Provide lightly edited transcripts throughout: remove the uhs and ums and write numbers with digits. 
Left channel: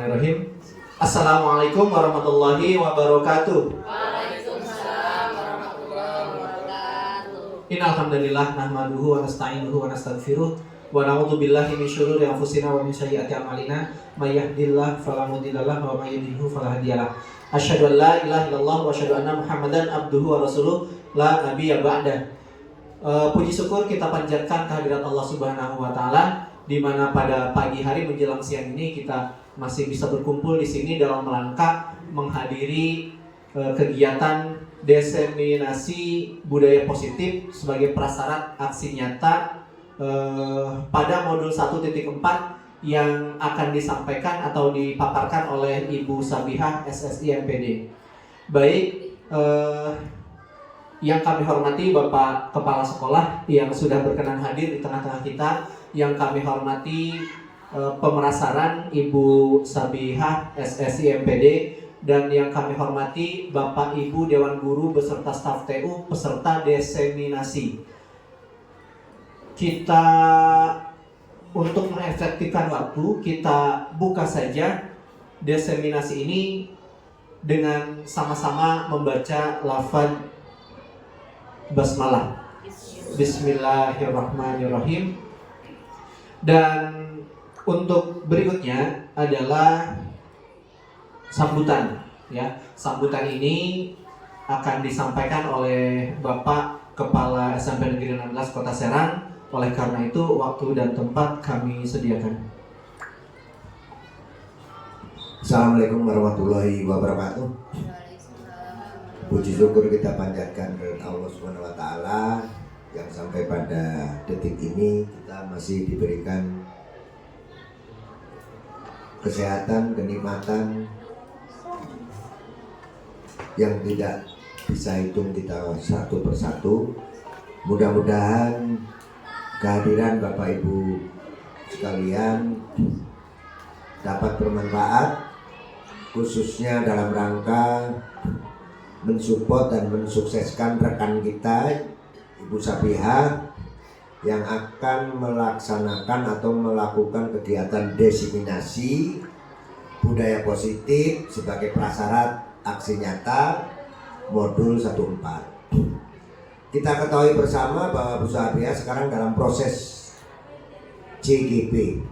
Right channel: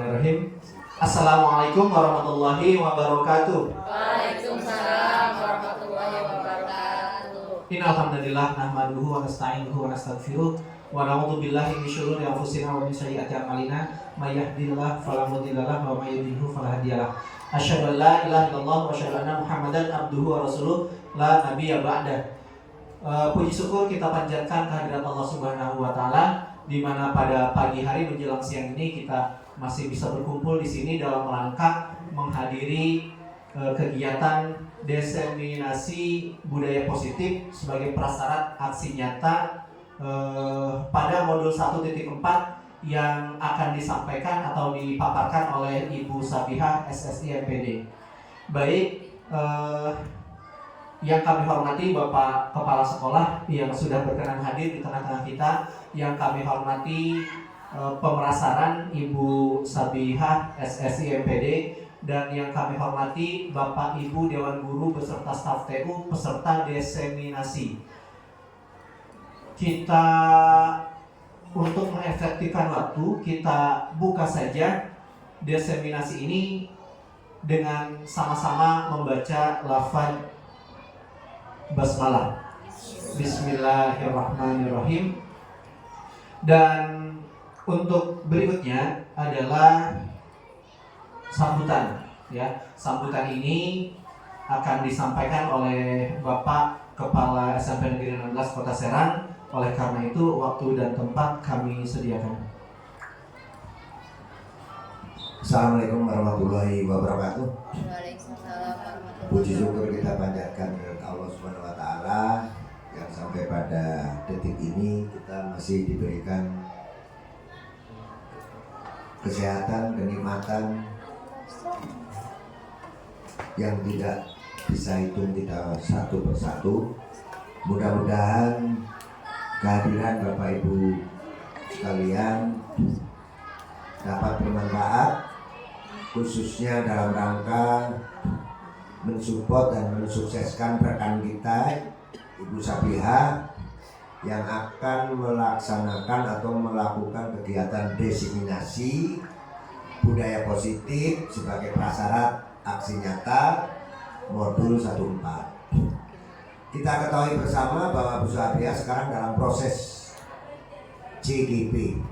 Bismillahirrahmanirrahim. Assalamualaikum warahmatullahi wabarakatuh. Waalaikumsalam warahmatullahi wabarakatuh. Innal hamdalillah nahmaduhu wa nasta'inuhu wa nastaghfiruh wa na'udzu billahi min syururi anfusina wa min sayyiati a'malina may yahdihillahu fala mudhillalah wa may yudhlil fala hadiyalah. Asyhadu an la ilaha illallah wa asyhadu anna Muhammadan abduhu wa rasuluh la nabiyya ba'dah. Puji syukur kita panjatkan kehadirat Allah Subhanahu wa taala, di mana pada pagi hari menjelang siang ini kita masih bisa berkumpul di sini dalam rangka menghadiri kegiatan diseminasi budaya positif sebagai prasyarat aksi nyata pada modul 1.4 yang akan disampaikan atau dipaparkan oleh Ibu Sabihah SSI MPD. Baik, yang kami hormati Bapak Kepala Sekolah yang sudah berkenan hadir di tengah-tengah kita, yang kami hormati pemerasaran Ibu Sabihah SSI MPD, dan yang kami hormati Bapak Ibu Dewan Guru beserta staf TU peserta diseminasi. Kita untuk mengefektifkan waktu, kita buka saja diseminasi ini dengan sama-sama membaca lafaz basmalah. Bismillahirrahmanirrahim. Dan untuk berikutnya adalah sambutan, ya. Sambutan ini akan disampaikan oleh Bapak Kepala SMP Negeri 16 Kota Serang. Oleh karena itu, waktu dan tempat kami sediakan. Assalamualaikum warahmatullahi wabarakatuh. Waalaikumsalam. Puji syukur kita panjatkan kepada Allah Subhanahu wa taala yang sampai pada detik ini kita masih diberikan kesehatan, kenikmatan yang tidak bisa hitung kita satu persatu. Mudah-mudahan kehadiran Bapak Ibu sekalian dapat bermanfaat, khususnya dalam rangka mensupport dan mensukseskan rekan kita Ibu Sabihah yang akan melaksanakan atau melakukan kegiatan diseminasi budaya positif sebagai prasyarat aksi nyata modul 1.4. Kita ketahui bersama bahwa Bu Sabihah sekarang dalam proses CGP,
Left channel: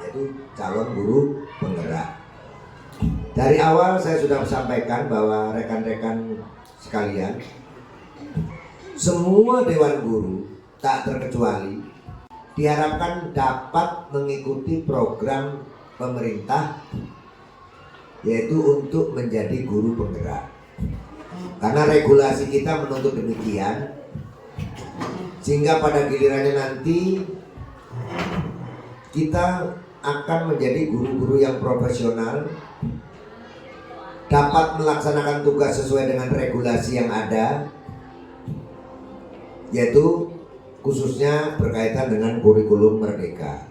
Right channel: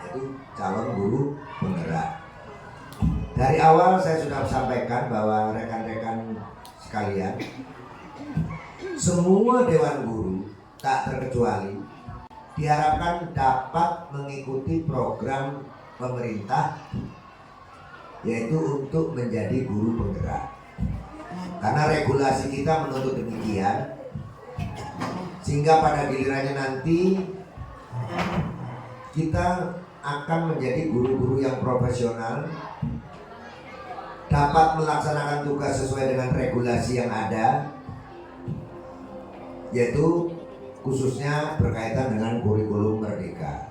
yaitu calon guru penggerak. Dari awal saya sudah sampaikan bahwa rekan-rekan sekalian, semua dewan guru tak terkecuali diharapkan dapat mengikuti program pemerintah, yaitu untuk menjadi guru penggerak. Karena regulasi kita menuntut demikian, sehingga pada gilirannya nanti kita akan menjadi guru-guru yang profesional, dapat melaksanakan tugas sesuai dengan regulasi yang ada, yaitu khususnya berkaitan dengan kurikulum merdeka.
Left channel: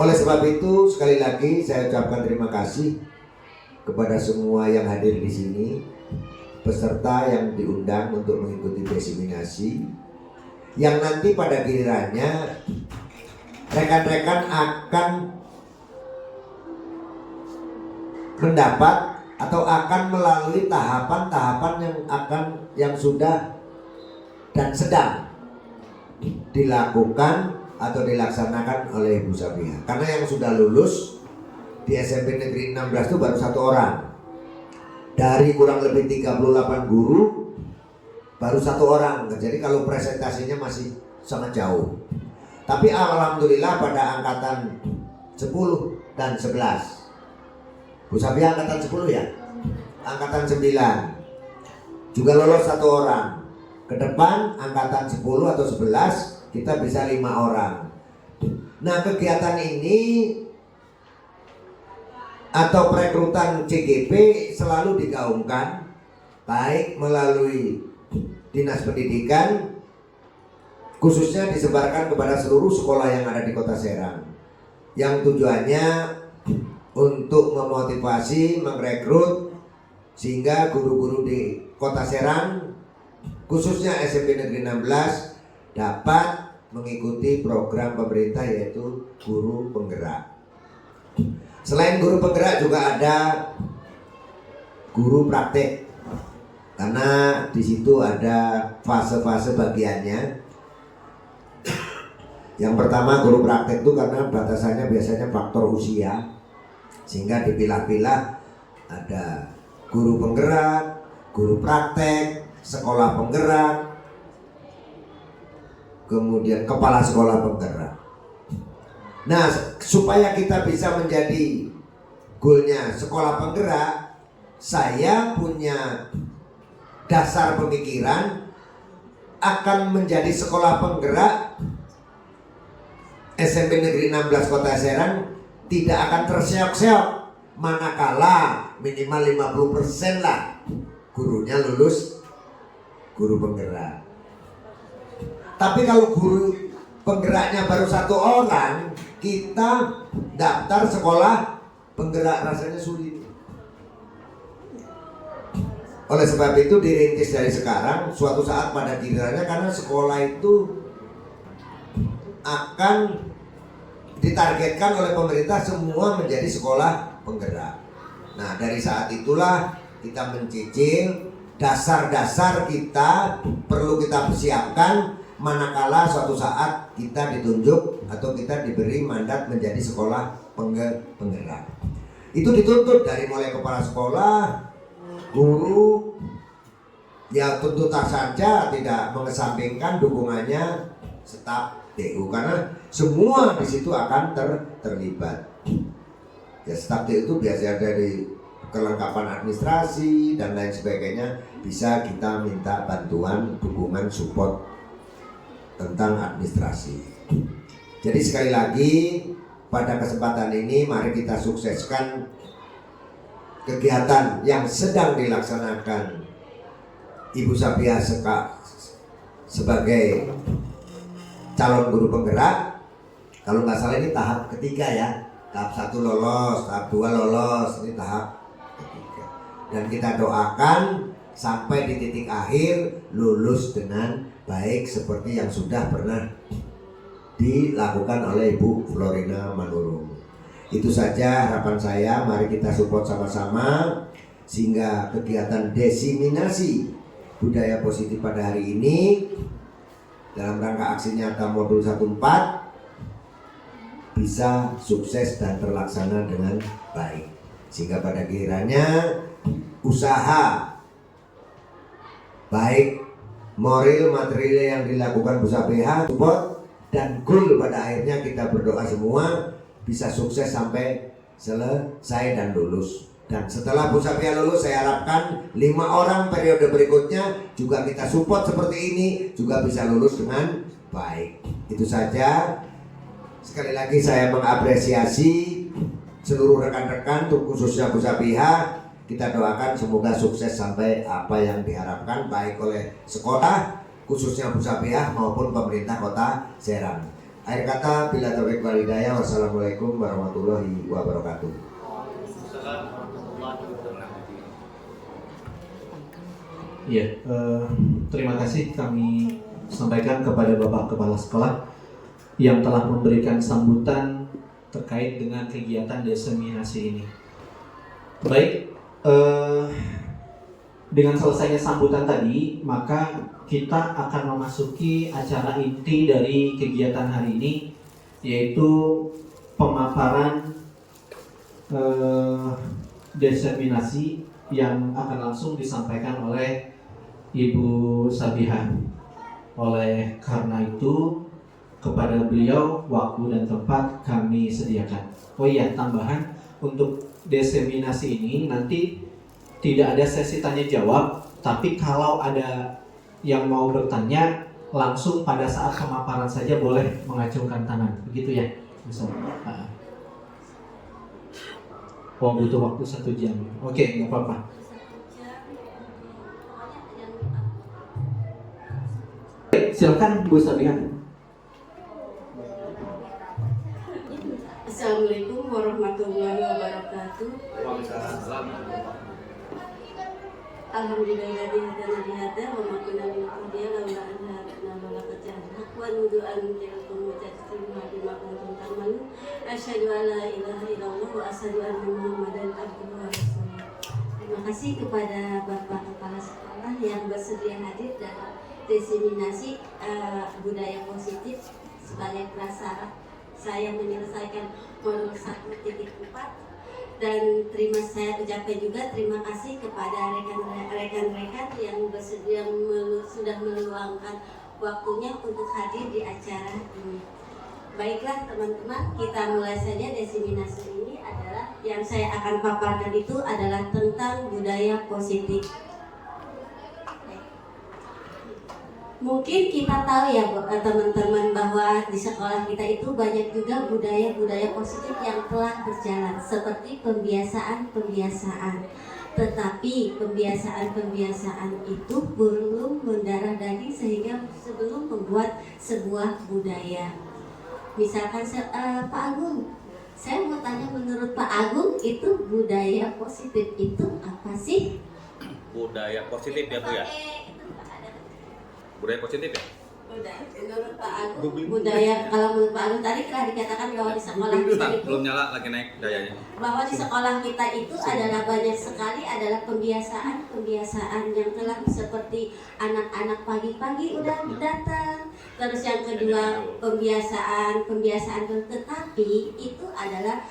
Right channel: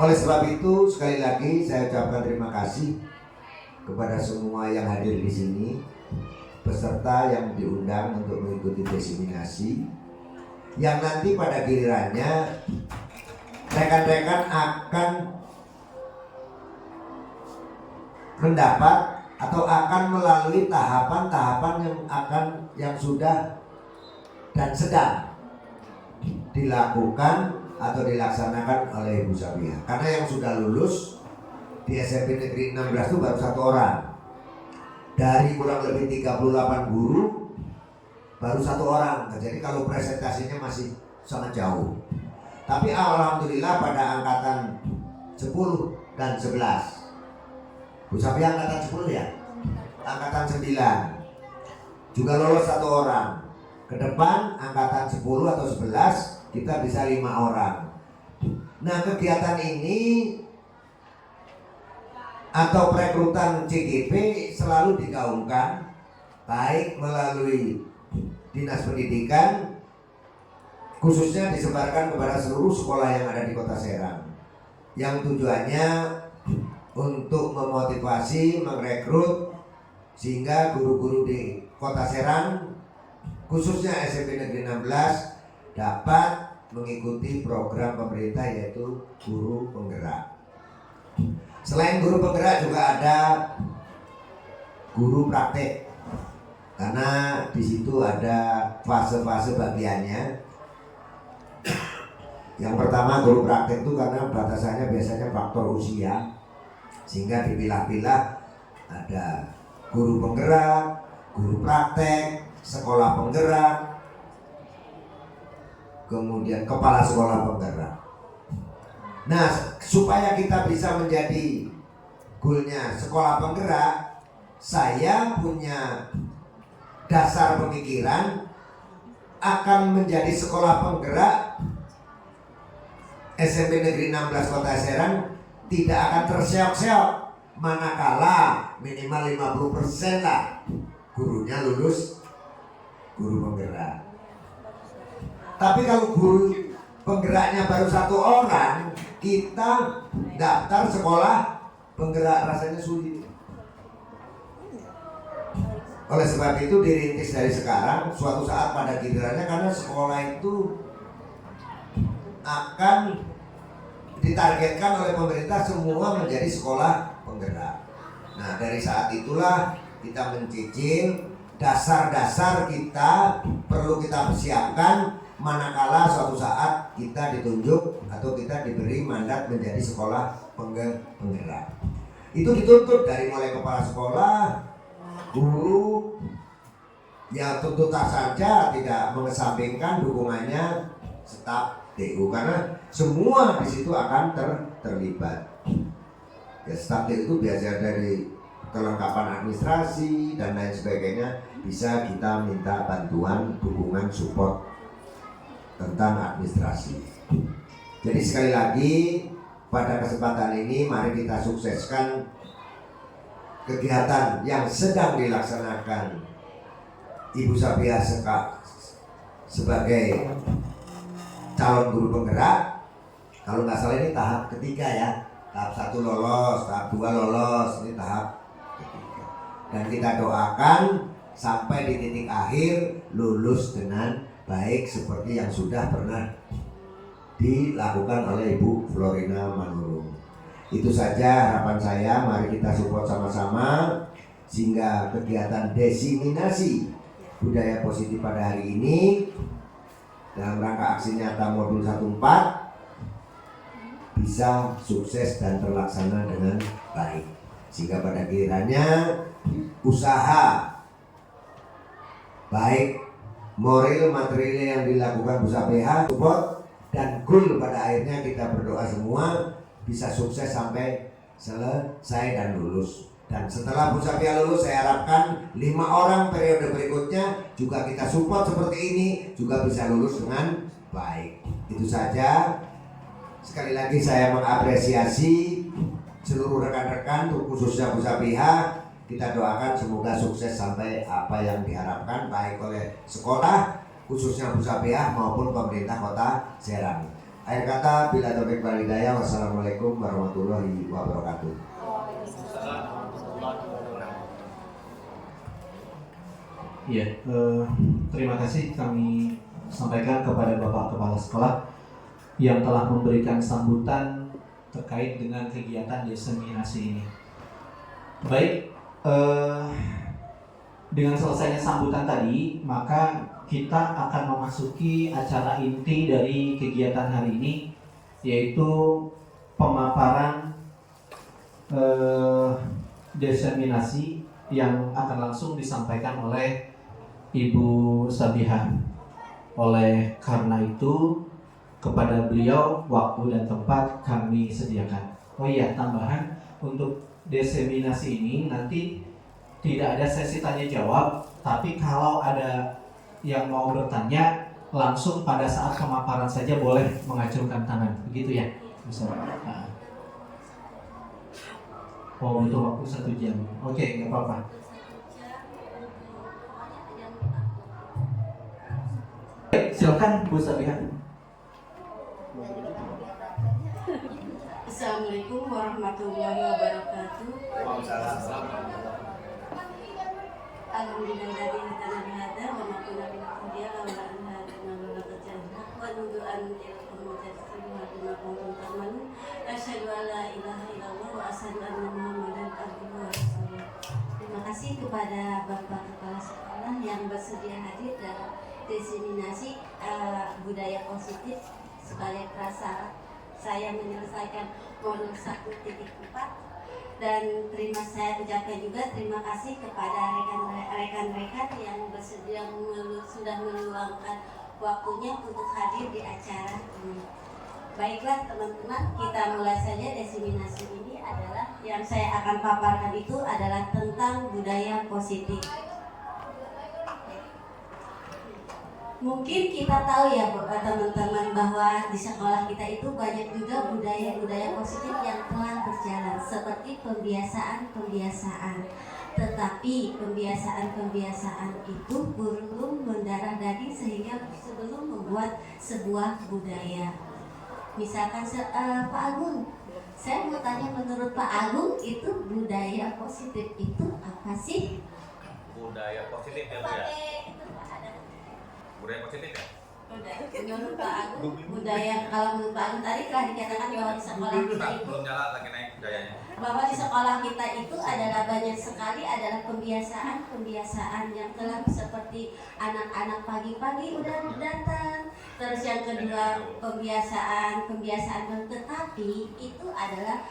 Oleh sebab itu, sekali lagi saya ucapkan terima kasih kepada semua yang hadir di sini, peserta yang diundang untuk mengikuti diseminasi, yang nanti pada gilirannya rekan-rekan akan mendapat atau akan melalui tahapan-tahapan yang sudah dan sedang dilakukan atau dilaksanakan oleh Ibu Sabihah. Karena yang sudah lulus di SMP Negeri 16 itu baru 1 orang. Dari kurang lebih 38 guru baru 1 orang. Jadi kalau presentasinya masih sangat jauh. Tapi alhamdulillah pada angkatan 10 dan 11, Bu Sabihah angkatan 10 ya? Angkatan 9 juga lolos 1 orang. Ke depan angkatan 10 atau 11 kita bisa 5 orang. Nah, kegiatan ini atau perekrutan CGP selalu digaungkan baik melalui Dinas Pendidikan, khususnya disebarkan kepada seluruh sekolah yang ada di Kota Serang, yang tujuannya untuk memotivasi, merekrut sehingga guru-guru di Kota Serang, khususnya SMP Negeri 16, dapat mengikuti program pemerintah yaitu guru penggerak. Selain guru penggerak juga ada guru praktek, karena di situ ada fase-fase bagiannya. Yang pertama guru praktek itu karena batasannya biasanya faktor usia, sehingga dipilah-pilah ada guru penggerak, guru praktek, sekolah penggerak, kemudian kepala sekolah penggerak. Nah, supaya kita bisa menjadi goalnya sekolah penggerak, saya punya dasar pemikiran akan menjadi sekolah penggerak SMP Negeri 16 Kota Serang tidak akan terseok-seok manakala minimal 50% lah gurunya lulus guru penggerak. Tapi kalau guru penggeraknya baru 1 orang, kita daftar sekolah penggerak rasanya sulit. Oleh sebab itu dirintis dari sekarang, suatu saat pada gilirannya, karena sekolah itu akan ditargetkan oleh pemerintah semua menjadi sekolah penggerak. Nah, dari saat itulah kita mencicil dasar-dasar kita perlu kita persiapkan manakala suatu saat kita ditunjuk atau kita diberi mandat menjadi sekolah penggerak. Itu dituntut dari mulai kepala sekolah, guru, ya tentu tak saja tidak mengesampingkan dukungannya staf TU, karena semua di situ akan terlibat. Ya, staf TU itu biasanya dari kelengkapan administrasi dan lain sebagainya, bisa kita minta bantuan, dukungan, support tentang administrasi. Jadi sekali lagi pada kesempatan ini mari kita sukseskan kegiatan yang sedang dilaksanakan Ibu Sabiah sebagai calon guru penggerak. Kalau nggak salah ini tahap ketiga ya, tahap 1 lolos, tahap 2 lolos, ini tahap ketiga. Dan kita doakan sampai di titik akhir lulus dengan baik seperti yang sudah pernah dilakukan oleh Ibu Florina Manurung. Itu saja harapan saya, mari kita support sama-sama sehingga kegiatan diseminasi budaya positif pada hari ini dalam rangka aksi nyata modul 14 bisa sukses dan terlaksana dengan baik, sehingga pada gilirannya usaha baik moral material yang dilakukan Bu Sabiah support dan goal pada akhirnya kita berdoa semua bisa sukses sampai selesai dan lulus. Dan setelah Bu Sabiah lulus, saya harapkan 5 orang periode berikutnya juga kita support seperti ini juga bisa lulus dengan baik. Itu saja. Sekali lagi saya mengapresiasi seluruh rekan-rekan, khususnya Bu Sabiah. Kita doakan semoga sukses sampai apa yang diharapkan baik oleh sekolah, khususnya Bu Sabiah maupun pemerintah Kota Serang. Akhir kata, bila taufik wal hidayah, wassalamualaikum warahmatullahi wabarakatuh. Ya, terima kasih kami sampaikan kepada Bapak Kepala Sekolah yang telah memberikan sambutan terkait dengan kegiatan diseminasi ini. Baik, dengan selesainya sambutan tadi, maka kita akan memasuki acara inti dari kegiatan hari ini, yaitu pemaparan diseminasi yang akan langsung disampaikan oleh Ibu Sabiah. Oleh karena itu, kepada beliau waktu dan tempat kami sediakan. Oh iya, tambahan untuk diseminasi ini nanti tidak ada sesi tanya jawab, tapi kalau ada yang mau bertanya langsung pada saat pemaparan saja boleh mengacungkan tangan, begitu ya? Misalnya. Oh, butuh waktu 1 jam. Oke, nggak apa-apa. Baik, silakan Bu Sabiah. Assalamualaikum warahmatullahi wabarakatuh. Alhamdulillahilladzi hadana li hadza wa ma kunna linahtadiya laula an hadana wa laqad ja'alna wa nudu an yakum mutasassima bima kuntum ta'malun. Asyhadu an la ilaha illallah wa asyhadu anna Muhammadan abduhu wa rasuluh. Terima kasih kepada Bapak Kepala Sekolah yang bersedia hadir dalam diseminasi budaya positif sebagai prasyarat saya menyelesaikan modul 1.4. Dan saya ucapkan juga terima kasih kepada rekan-rekan yang bersedia sudah meluangkan waktunya untuk hadir di acara ini. Baiklah teman-teman, kita mulai saja. Diseminasi ini adalah yang saya akan paparkan itu adalah tentang budaya positif. Mungkin kita tahu ya teman-teman bahwa di sekolah kita itu banyak juga budaya-budaya positif yang telah berjalan seperti pembiasaan-pembiasaan. Tetapi pembiasaan-pembiasaan itu belum mendarah daging sehingga sebelum membuat sebuah budaya. Misalkan Pak Agung, saya mau tanya menurut Pak Agung itu budaya positif itu apa sih? Budaya positif ya Bu ya? Budaya positif ya? Menurut Pak Agung, budaya kalau menurut Pak Agung tadi telah dikatakan bahwa di sekolah kita itu belum nyala lagi naik dayanya. Bahwa di sekolah kita itu adalah banyak sekali adalah pembiasaan yang telah seperti anak-anak pagi-pagi udah datang. Terus yang kedua pembiasaan tetapi itu adalah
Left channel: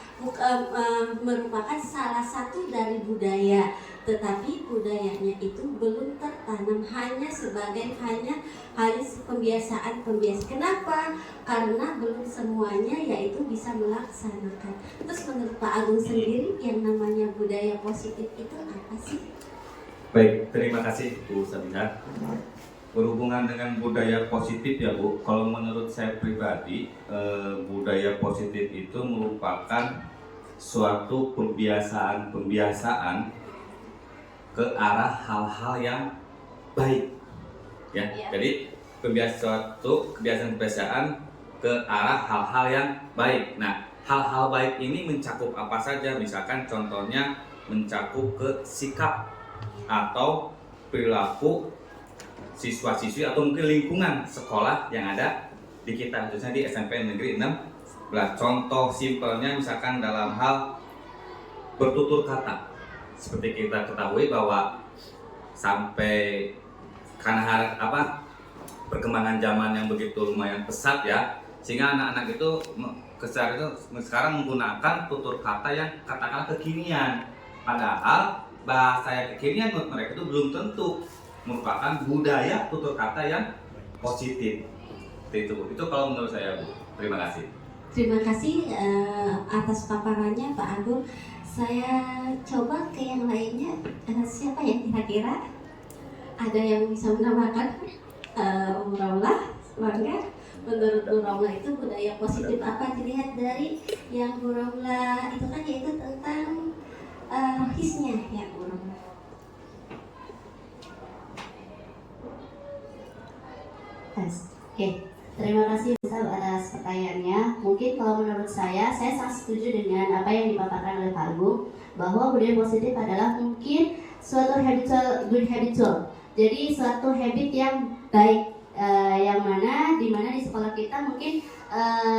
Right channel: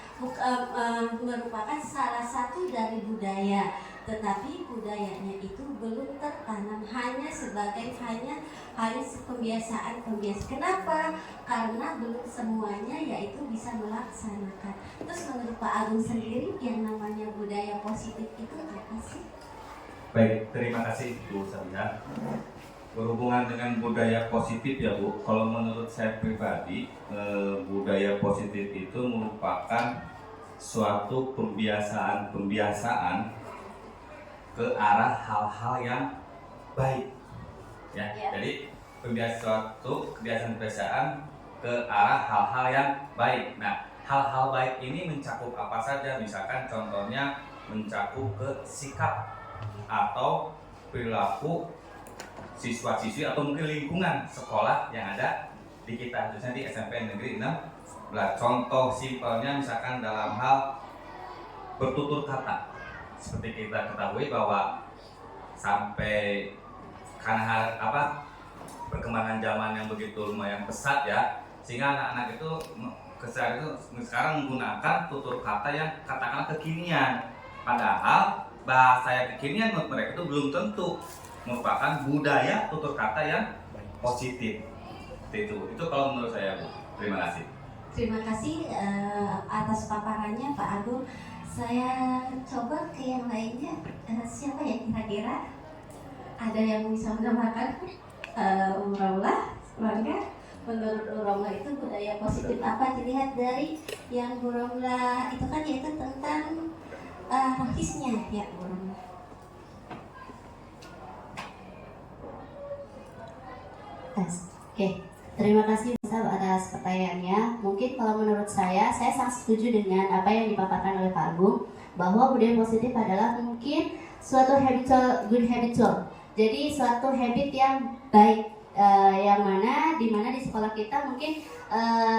merupakan salah satu dari budaya. Tetapi budayanya itu belum tertanam hanya pembiasaan. Kenapa? Karena belum semuanya yaitu bisa melaksanakan. Terus menurut Pak Agung sendiri yang namanya budaya positif itu apa sih? Baik, terima kasih Bu Sabiha. Berhubungan dengan budaya positif ya Bu, kalau menurut saya pribadi budaya positif itu merupakan suatu pembiasaan ke arah hal-hal yang baik ya. Jadi kebiasaan ke arah hal-hal yang baik. Nah, hal-hal baik ini mencakup apa saja? Misalkan contohnya mencakup ke sikap atau perilaku siswa-siswi atau mungkin lingkungan sekolah yang ada di kita, khususnya di SMP Negeri 16. Contoh simpelnya misalkan dalam hal bertutur kata. Seperti kita ketahui bahwa sampai karena perkembangan zaman yang begitu lumayan pesat ya, sehingga anak-anak itu sekarang menggunakan tutur kata yang katakanlah kekinian, padahal bahasa yang kekinian menurut mereka itu belum tentu merupakan budaya tutur kata yang positif. Itu kalau menurut saya Bu. Terima kasih. Terima kasih atas paparannya Pak Agung. Saya coba ke yang lainnya. Siapa ya kira-kira? Ada yang bisa menambahkan? Umrullah, bangga. Menurut Umrullah itu budaya positif apa dilihat dari yang Umrullah itu kan yaitu tentang rohisnya ya Umrullah. Oke. Terima kasih Ustaz atas pertanyaannya. Mungkin kalau menurut saya sangat setuju dengan apa yang dipaparkan oleh Pak Agung, bahwa budaya positif adalah mungkin suatu good habitual. Jadi suatu habit yang baik, yang mana di sekolah kita mungkin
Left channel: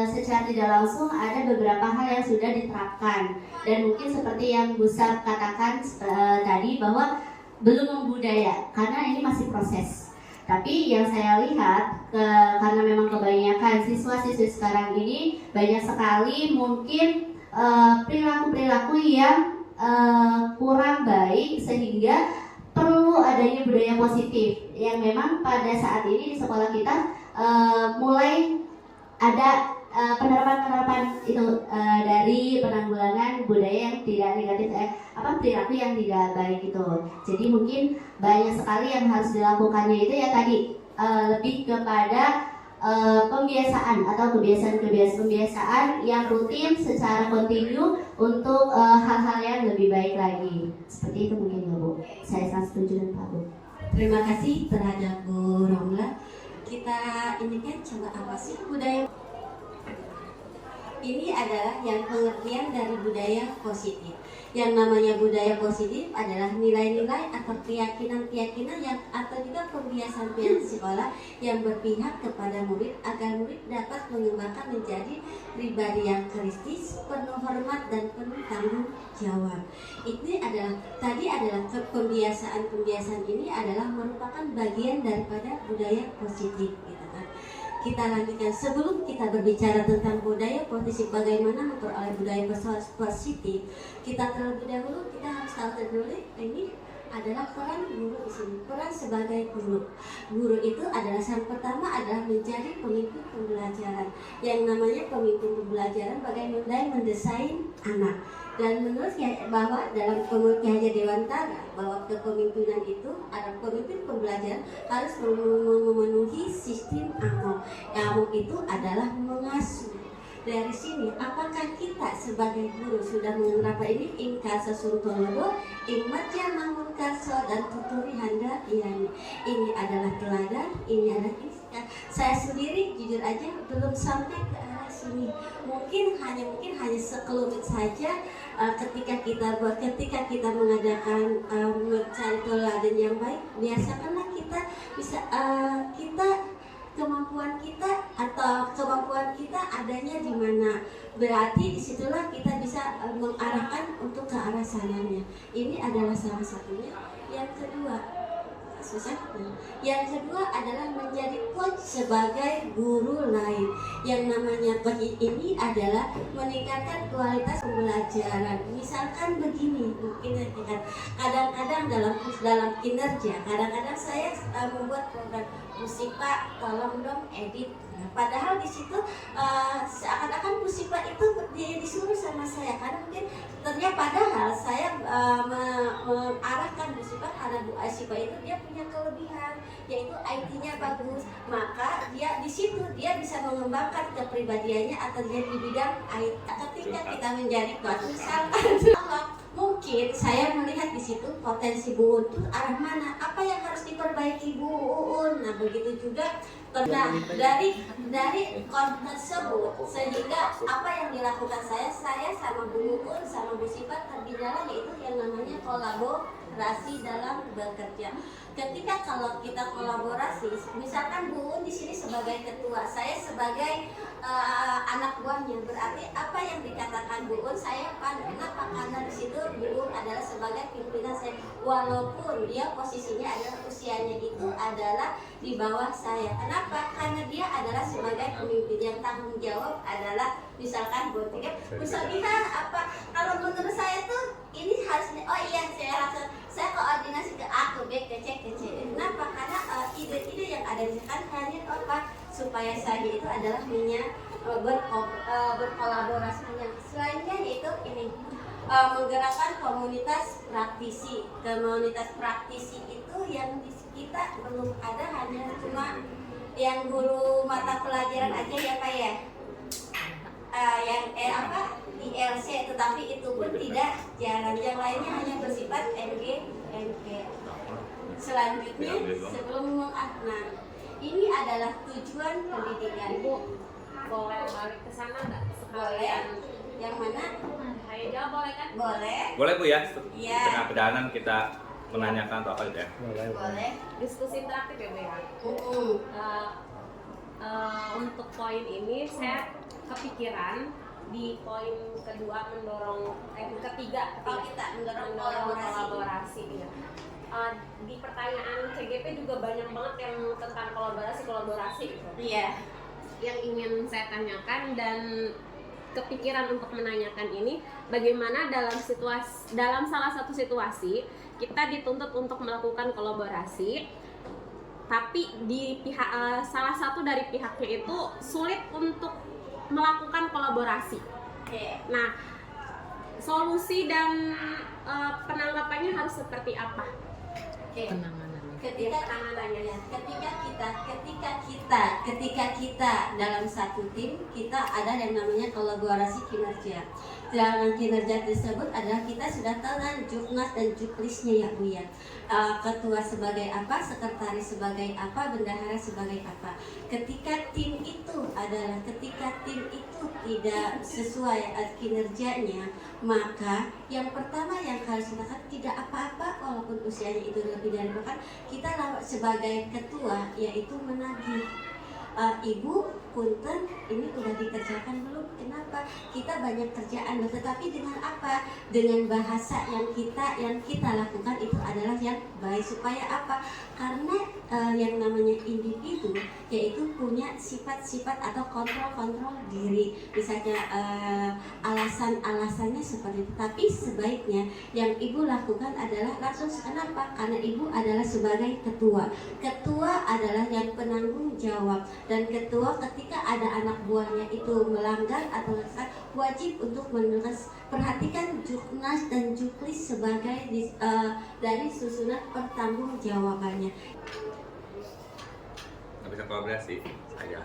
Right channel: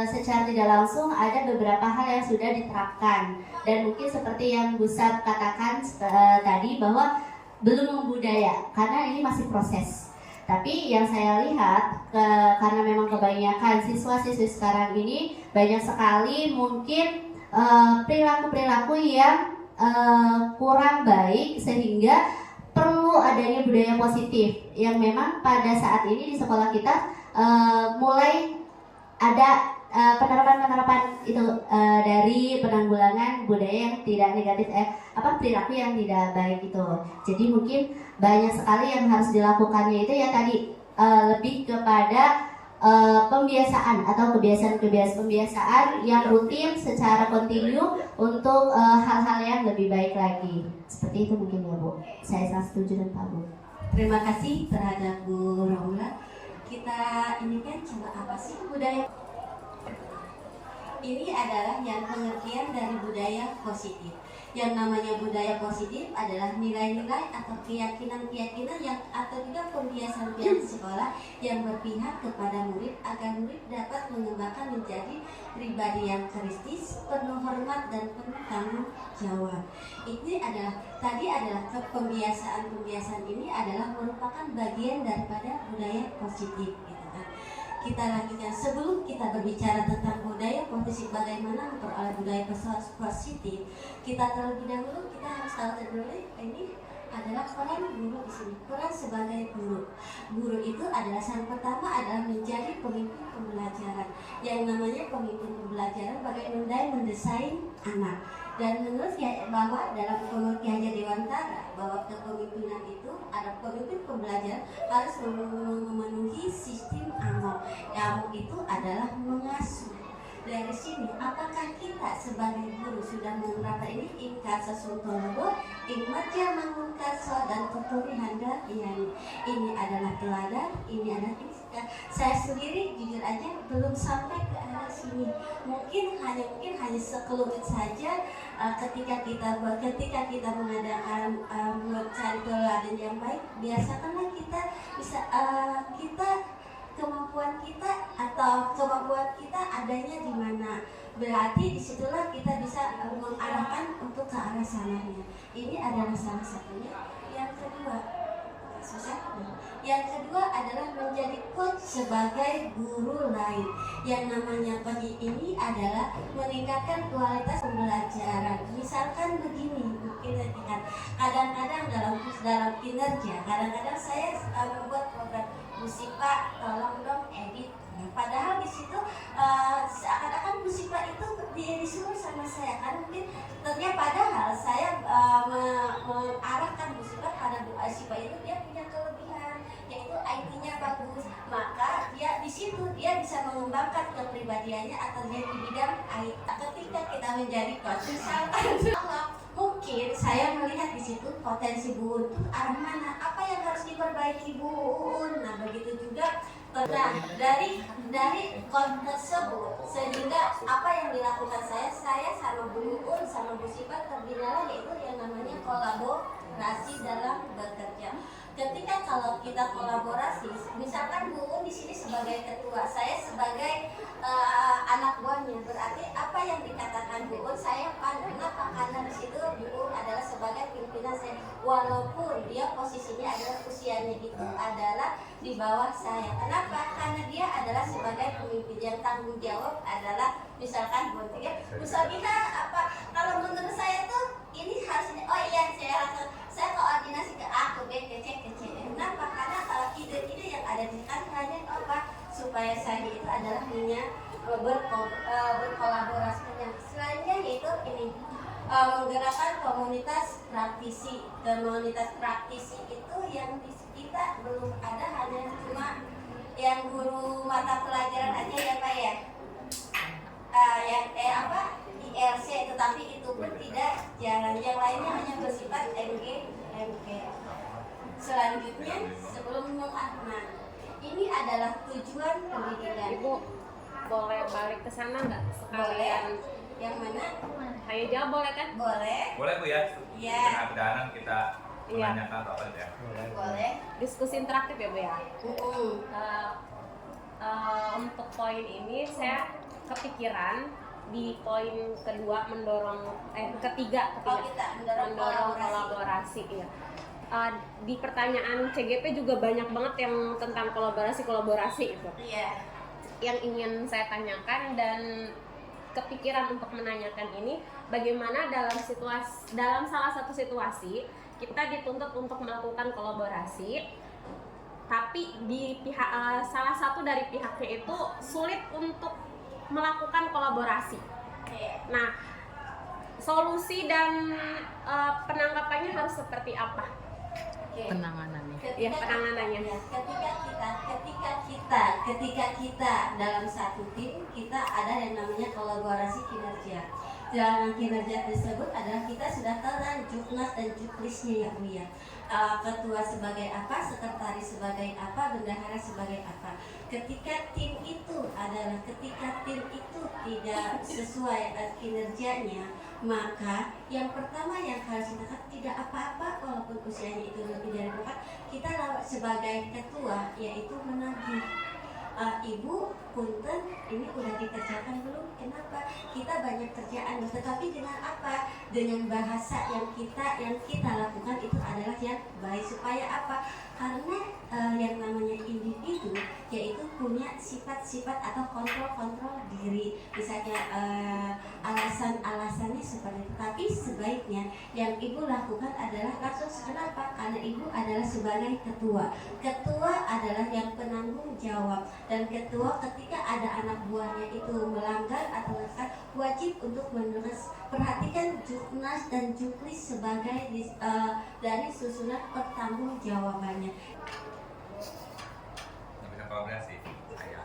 secara tidak langsung ada beberapa hal yang sudah diterapkan, dan mungkin seperti yang Bu Sab katakan tadi bahwa belum membudaya karena ini masih proses. Tapi yang saya lihat karena memang kebanyakan siswa-siswi sekarang ini banyak sekali mungkin perilaku-perilaku yang kurang baik, sehingga perlu adanya budaya positif yang memang pada saat ini di sekolah kita mulai ada penerapan itu dari penanggulangan budaya yang tidak negatif, perilaku yang tidak baik itu. Jadi mungkin banyak sekali yang harus dilakukannya itu ya tadi lebih kepada pembiasaan atau kebiasaan yang rutin secara kontinu untuk hal-hal yang lebih baik lagi. Seperti itu mungkin ya Bu. Saya sangat setuju dengan Pak Bu. Terima kasih terhadap Bu Romla. Kita ini kan coba apa sih budaya? Ini adalah yang pengertian dari budaya positif. Yang namanya budaya positif adalah nilai-nilai atau keyakinan-keyakinan yang atau juga pembiasaan sekolah yang berpihak kepada murid agar murid dapat mengembangkan menjadi pribadi yang kristis, penuh hormat dan penuh tanggung jawab. Ini adalah pembiasaan ini adalah merupakan bagian daripada budaya positif, gitu kan. Kita lanjutkan, sebelum kita berbicara tentang budaya positif, bagaimana memperoleh budaya positif, kita terlebih dahulu kita harus tahu dulu ini adalah peran guru di sini. Peran sebagai guru. Guru itu adalah yang pertama adalah menjadi pemimpin pembelajaran. Yang namanya pemimpin pembelajaran bagaimana mendesain anak. Dan menurut bahwa dalam Ki Hajar Dewantara bahwa kepemimpinan itu ada pemimpin pembelajaran harus memenuhi sistem amok. Amok itu adalah mengasuh. Dari sini, apakah kita sebagai guru sudah menggunakan ini ingkasa suntologo, imatya mangun karso dan tuturi handa ini adalah teladan, ini adalah istilah. Saya sendiri jujur aja belum sampai ke arah sini. Mungkin hanya sekelumit saja. Ketika kita mengadakan mencari teladan yang baik, biasakanlah kita bisa kemampuan kita adanya di mana, berarti disitulah kita bisa mengarahkan untuk ke arah sananya. Ini adalah salah satunya. Yang kedua adalah menjadi coach sebagai guru lain. Yang namanya coach ini adalah meningkatkan kualitas pembelajaran. Misalkan begini, kadang-kadang dalam kinerja, kadang-kadang saya membuat program Musipa, tolong dong edit. Padahal di situ seakan-akan Musipa itu disuruh sama saya, karena mungkin ternyata padahal saya mengarahkan Musipa karena Bu Asipa itu dia punya kelebihan, yaitu IT-nya bagus, maka dia di situ dia bisa mengembangkan kepribadiannya atau dia di bidang IT. Ketika kita menjadi coach, misalkan mungkin saya melihat di situ potensi Bu Uun itu arah mana, apa yang harus diperbaiki Bu Uun. Nah begitu juga dari coach tersebut, sehingga apa yang dilakukan saya sama Bu Uun sama Bu Sipa terbina yaitu yang namanya kolaborasi dalam bekerja. Ketika kalau kita kolaborasi, misalkan Bu Uun di sini sebagai ketua, saya sebagai anak buahnya, berarti apa yang dikatakan Bu Uun saya paham. Kenapa? Karena di situ Bu Uun adalah sebagai pimpinan saya, walaupun dia posisinya adalah usianya itu adalah di bawah saya. Kenapa? Karena dia adalah sebagai pemimpin yang tanggung jawab adalah misalkan misalnya apa? Kalau menurut saya tuh ini harus oh iya saya koordinasi ke A ke B ke C ke C. Kenapa? Karena ide-ide yang ada di hanya apa supaya saya itu adalah berkolaborasi dengan selainnya yaitu ini menggerakkan komunitas praktisi. Komunitas praktisi itu yang kita belum ada, hanya cuma yang guru mata pelajaran aja ya Pak ya. Yang ILC, tetapi itu pun tidak jalan, yang lainnya hanya bersifat MG. Selanjutnya sebelum ini adalah tujuan pendidikan. Boleh balik ke sana nggak? Boleh. Yang mana? Ayo jawab boleh kan? Boleh. Boleh Bu ya? Iya. Tengah perjalanan kita menanyakan apa ya? Boleh. Diskusi interaktif ya Bu ya. Untuk poin ini saya kepikiran di poin kedua ketiga kita mendorong kolaborasi ya. Di pertanyaan CGP juga banyak banget yang tentang kolaborasi gitu. Iya. Yang ingin saya tanyakan dan kepikiran untuk menanyakan ini, bagaimana dalam salah satu situasi kita dituntut untuk melakukan kolaborasi, tapi di pihak salah satu dari pihaknya itu sulit untuk melakukan kolaborasi. Nah, solusi dan penanggapannya harus seperti apa? Penanganannya. Ketika kita dalam satu tim, kita ada yang namanya kolaborasi kinerja. dalam kinerja tersebut adalah kita sudah tahu kan juknas dan juklisnya ya Bu ya. Ketua sebagai apa, sekretaris sebagai apa, bendahara sebagai apa. Ketika tim itu tidak sesuai kinerjanya, maka yang pertama yang harus dilakukan tidak apa-apa walaupun usianya itu lebih dari bahkan kita sebagai ketua yaitu menagih. Ibu punten ini udah dikerjakan belum? Kenapa? Kita banyak kerjaan, tetapi dengan apa? Dengan bahasa yang kita lakukan itu adalah yang baik. Supaya apa? Karena yang namanya individu yaitu punya sifat-sifat atau kontrol diri. Misalnya alasan-alasannya seperti itu. Tapi sebaiknya yang ibu lakukan adalah langsung. Kenapa? Karena ibu adalah sebagai ketua. Ketua adalah yang penanggung jawab, dan ketua ketika ada anak buahnya itu melanggar atau wajib untuk menulis. Perhatikan juknas dan juklis sebagai dari susunan pertanggungjawabannya. Nggak bisa kolaborasi saya.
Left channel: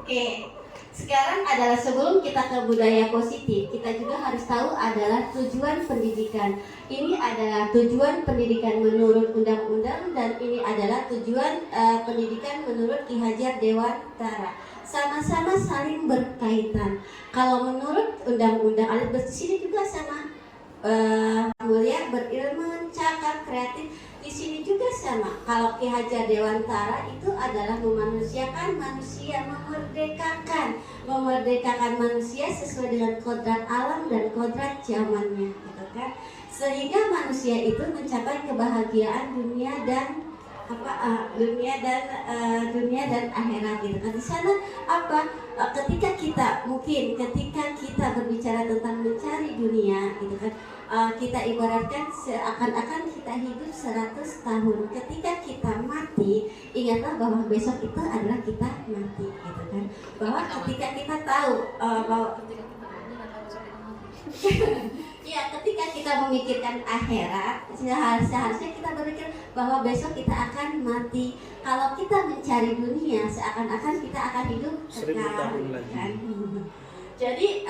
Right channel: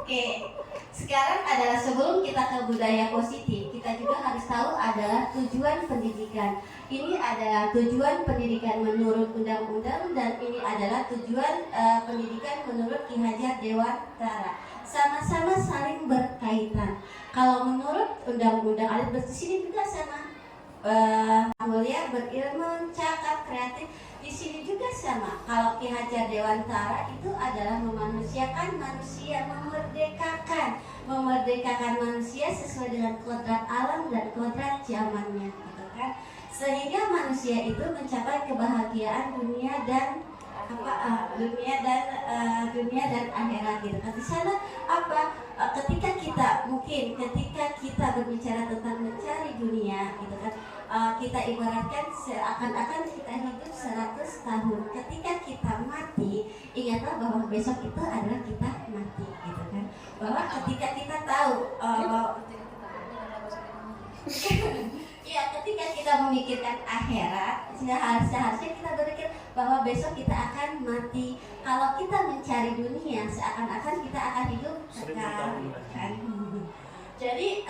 Oke, sekarang adalah sebelum kita ke budaya positif, kita juga harus tahu adalah tujuan pendidikan. Ini adalah tujuan pendidikan menurut undang-undang, dan ini adalah tujuan pendidikan menurut Ki Hajar Dewantara. Sama-sama saling berkaitan. Kalau menurut undang-undang adat bersini juga sama, mulia, berilmu, cakap, kreatif. Di sini juga sama. Kalau Ki Hajar Dewantara itu adalah memanusiakan manusia, memerdekakan manusia sesuai dengan kodrat alam dan kodrat zamannya, gitu kan? Sehingga manusia itu mencapai kebahagiaan dunia dan dunia dan akhirat, gitu kan. Di sana apa? Ketika kita berbicara tentang mencari dunia, gitu kan, kita ibaratkan seakan-akan kita hidup 100 tahun. Ketika kita mati, ingatlah bahwa besok itu adalah kita mati, gitu kan. Bahwa ketika kita tahu bahwa ya, ketika kita memikirkan akhirat, seharusnya kita berpikir bahwa besok kita akan mati. Kalau kita mencari dunia, seakan-akan kita akan hidup kekal, kan? Jadi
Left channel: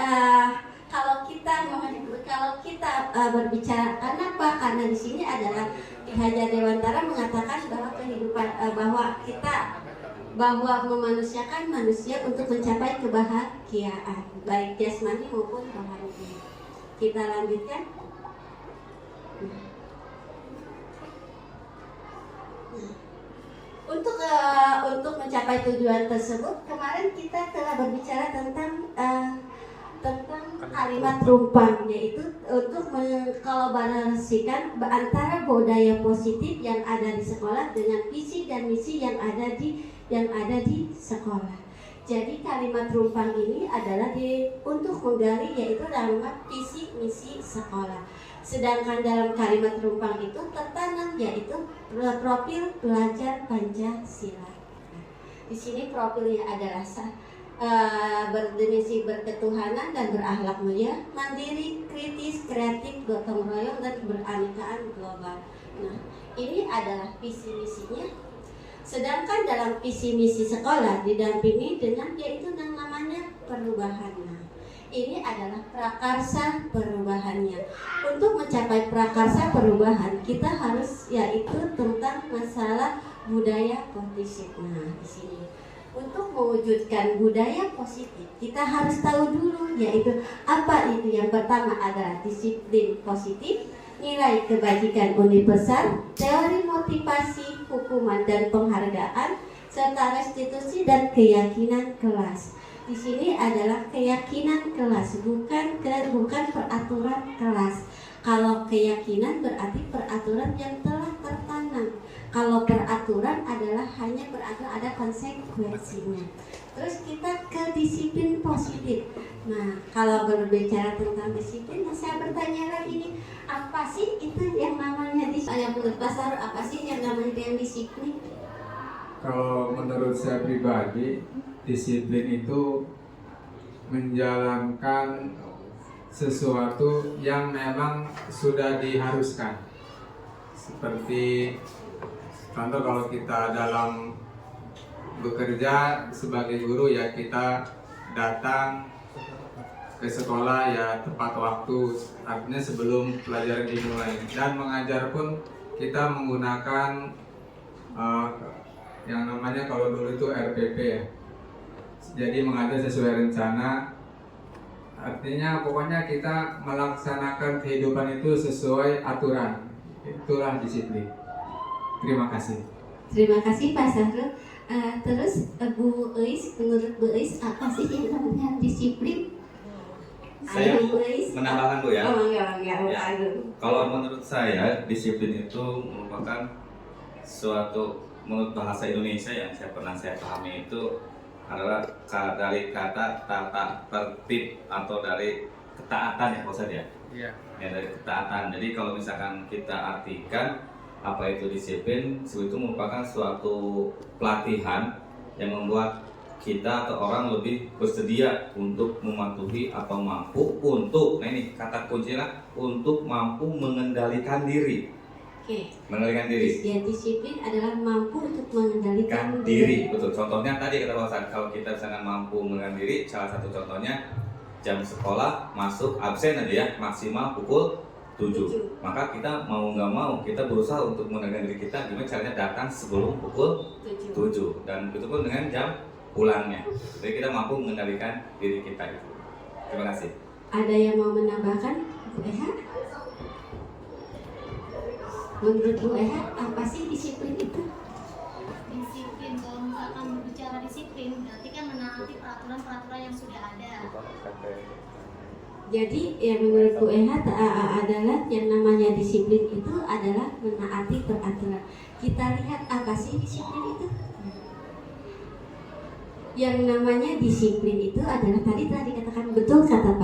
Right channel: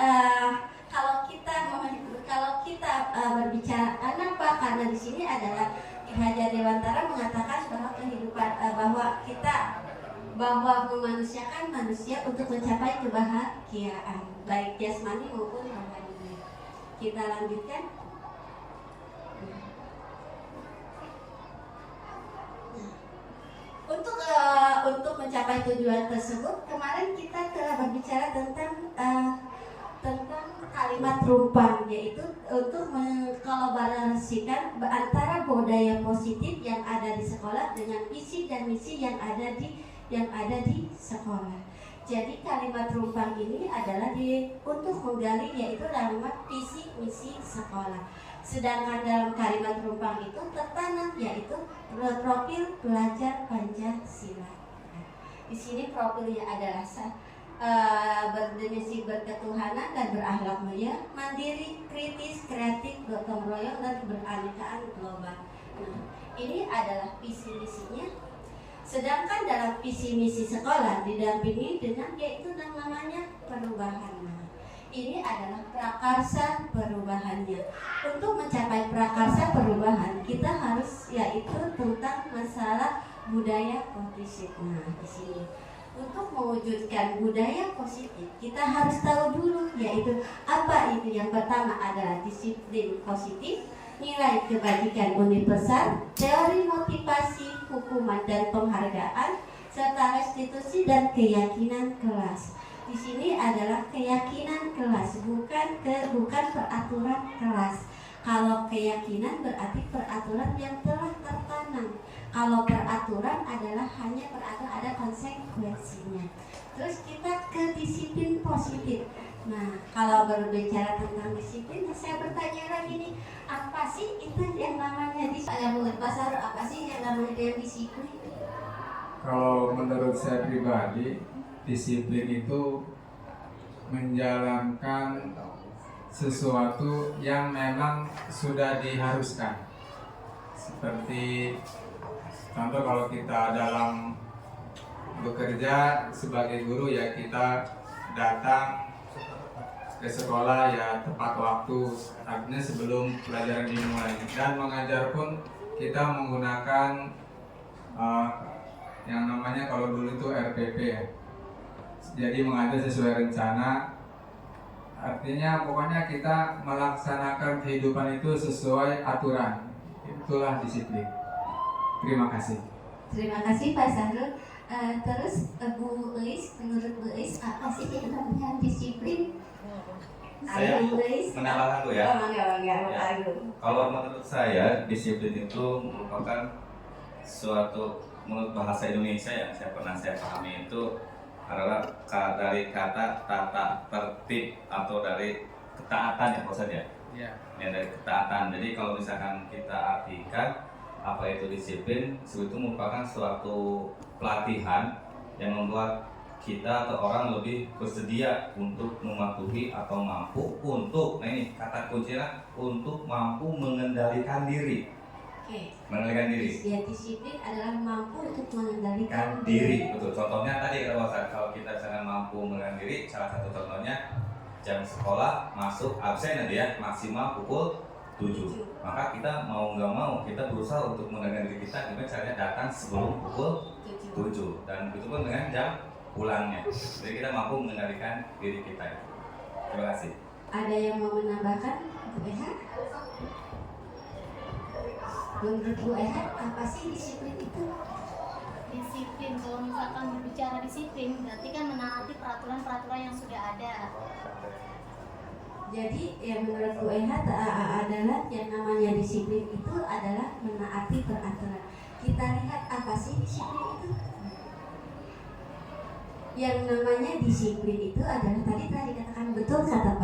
kalau kita berbicara, kenapa? Karena di sini adalah Ki Hajar Dewantara mengatakan bahwa kehidupan, bahwa memanusiakan manusia untuk mencapai kebahagiaan, baik jasmani maupun rohani. Kita lanjutkan. Untuk mencapai tujuan tersebut, kemarin kita telah berbicara tentang kalimat rumpang, yaitu untuk mengkolaborasikan antara budaya positif yang ada di sekolah dengan visi dan misi yang ada di sekolah. Jadi kalimat rumpang ini adalah untuk menggali yaitu nama visi misi sekolah. Sedangkan dalam kalimat rumpang itu tertanam yaitu profil pelajar Pancasila. Di sini profilnya adalah berdimensi berketuhanan dan berakhlak mulia, mandiri, kritis, kreatif, gotong royong, dan beraneka global. Nah, ini adalah visi misinya. Sedangkan dalam visi misi sekolah didampingi dengan yaitu yang namanya perubahan. Nah, ini adalah prakarsa perubahannya. Untuk mencapai prakarsa perubahan, kita harus yaitu tentang masalah budaya positif. Nah, di sini untuk mewujudkan budaya positif, kita harus tahu dulu yaitu apa itu. Yang pertama adalah disiplin positif, nilai kebajikan universal, teori motivasi, hukuman dan penghargaan, serta restitusi dan keyakinan kelas. Di sini adalah keyakinan kelas, bukan peraturan kelas. Kalau keyakinan berarti peraturan yang telah tertanam. Kalau peraturan adalah hanya peraturan, ada konsekuensinya. Terus kita ke disiplin positif. Nah, kalau berbicara tentang disiplin, saya bertanya lagi nih, apa sih itu yang namanya menurut pasar, apa sih yang namanya disiplin? Kalau menurut saya pribadi, disiplin itu menjalankan sesuatu yang memang sudah diharuskan. Seperti contoh, kalau kita dalam bekerja sebagai guru, ya kita datang ke ke sekolah ya tepat waktu, artinya sebelum pelajaran dimulai. Dan mengajar pun kita menggunakan yang namanya kalau dulu itu RPP ya. Jadi mengajar sesuai rencana. Artinya pokoknya kita melaksanakan kehidupan itu sesuai aturan. Itulah disiplin. Terima kasih. Terima kasih Pak Sahrul. Terus Bu Eis, menurut Bu Eis apa sih yang namanya disiplin? Saya Bu Eis. menambahkan Bu ya. Oh, enggak. Ya. Kalau menurut saya disiplin itu merupakan suatu, menurut bahasa Indonesia yang saya pahami itu adalah dari kata tata tertib atau dari ketaatan ya Pak ya. Ya. Ya, dari ketaatan. Jadi kalau misalkan kita artikan apa itu disiplin, itu merupakan suatu pelatihan yang membuat kita atau orang lebih bersedia untuk mematuhi atau mampu untuk, nah ini kata kuncinya, untuk mampu mengendalikan diri. Oke. Mengendalikan diri. Ya, disiplin adalah mampu untuk mengendalikan Kan diri, betul. Contohnya tadi kata Bang Ustaz, kalau kita misalkan mampu mengendalikan diri, salah satu contohnya jam sekolah masuk absen aja ya, maksimal pukul 7. Maka kita mau nggak mau kita berusaha untuk mengendalikan diri kita gimana caranya datang sebelum pukul 7 dan itu pun dengan jam pulangnya. Jadi kita mampu mengendalikan diri kita itu. Terima kasih. Ada yang mau menambahkan Bu Eha? Menurut Bu Eha apa sih disiplin itu? Disiplin, kalau misalkan berbicara disiplin berarti kan menaati peraturan-peraturan yang sudah ada. Jadi yang menurut Bu Eha adalah yang namanya disiplin itu adalah menaati peraturan. Kita lihat apa sih disiplin itu? Yang namanya disiplin itu adalah tadi dikatakan betul kata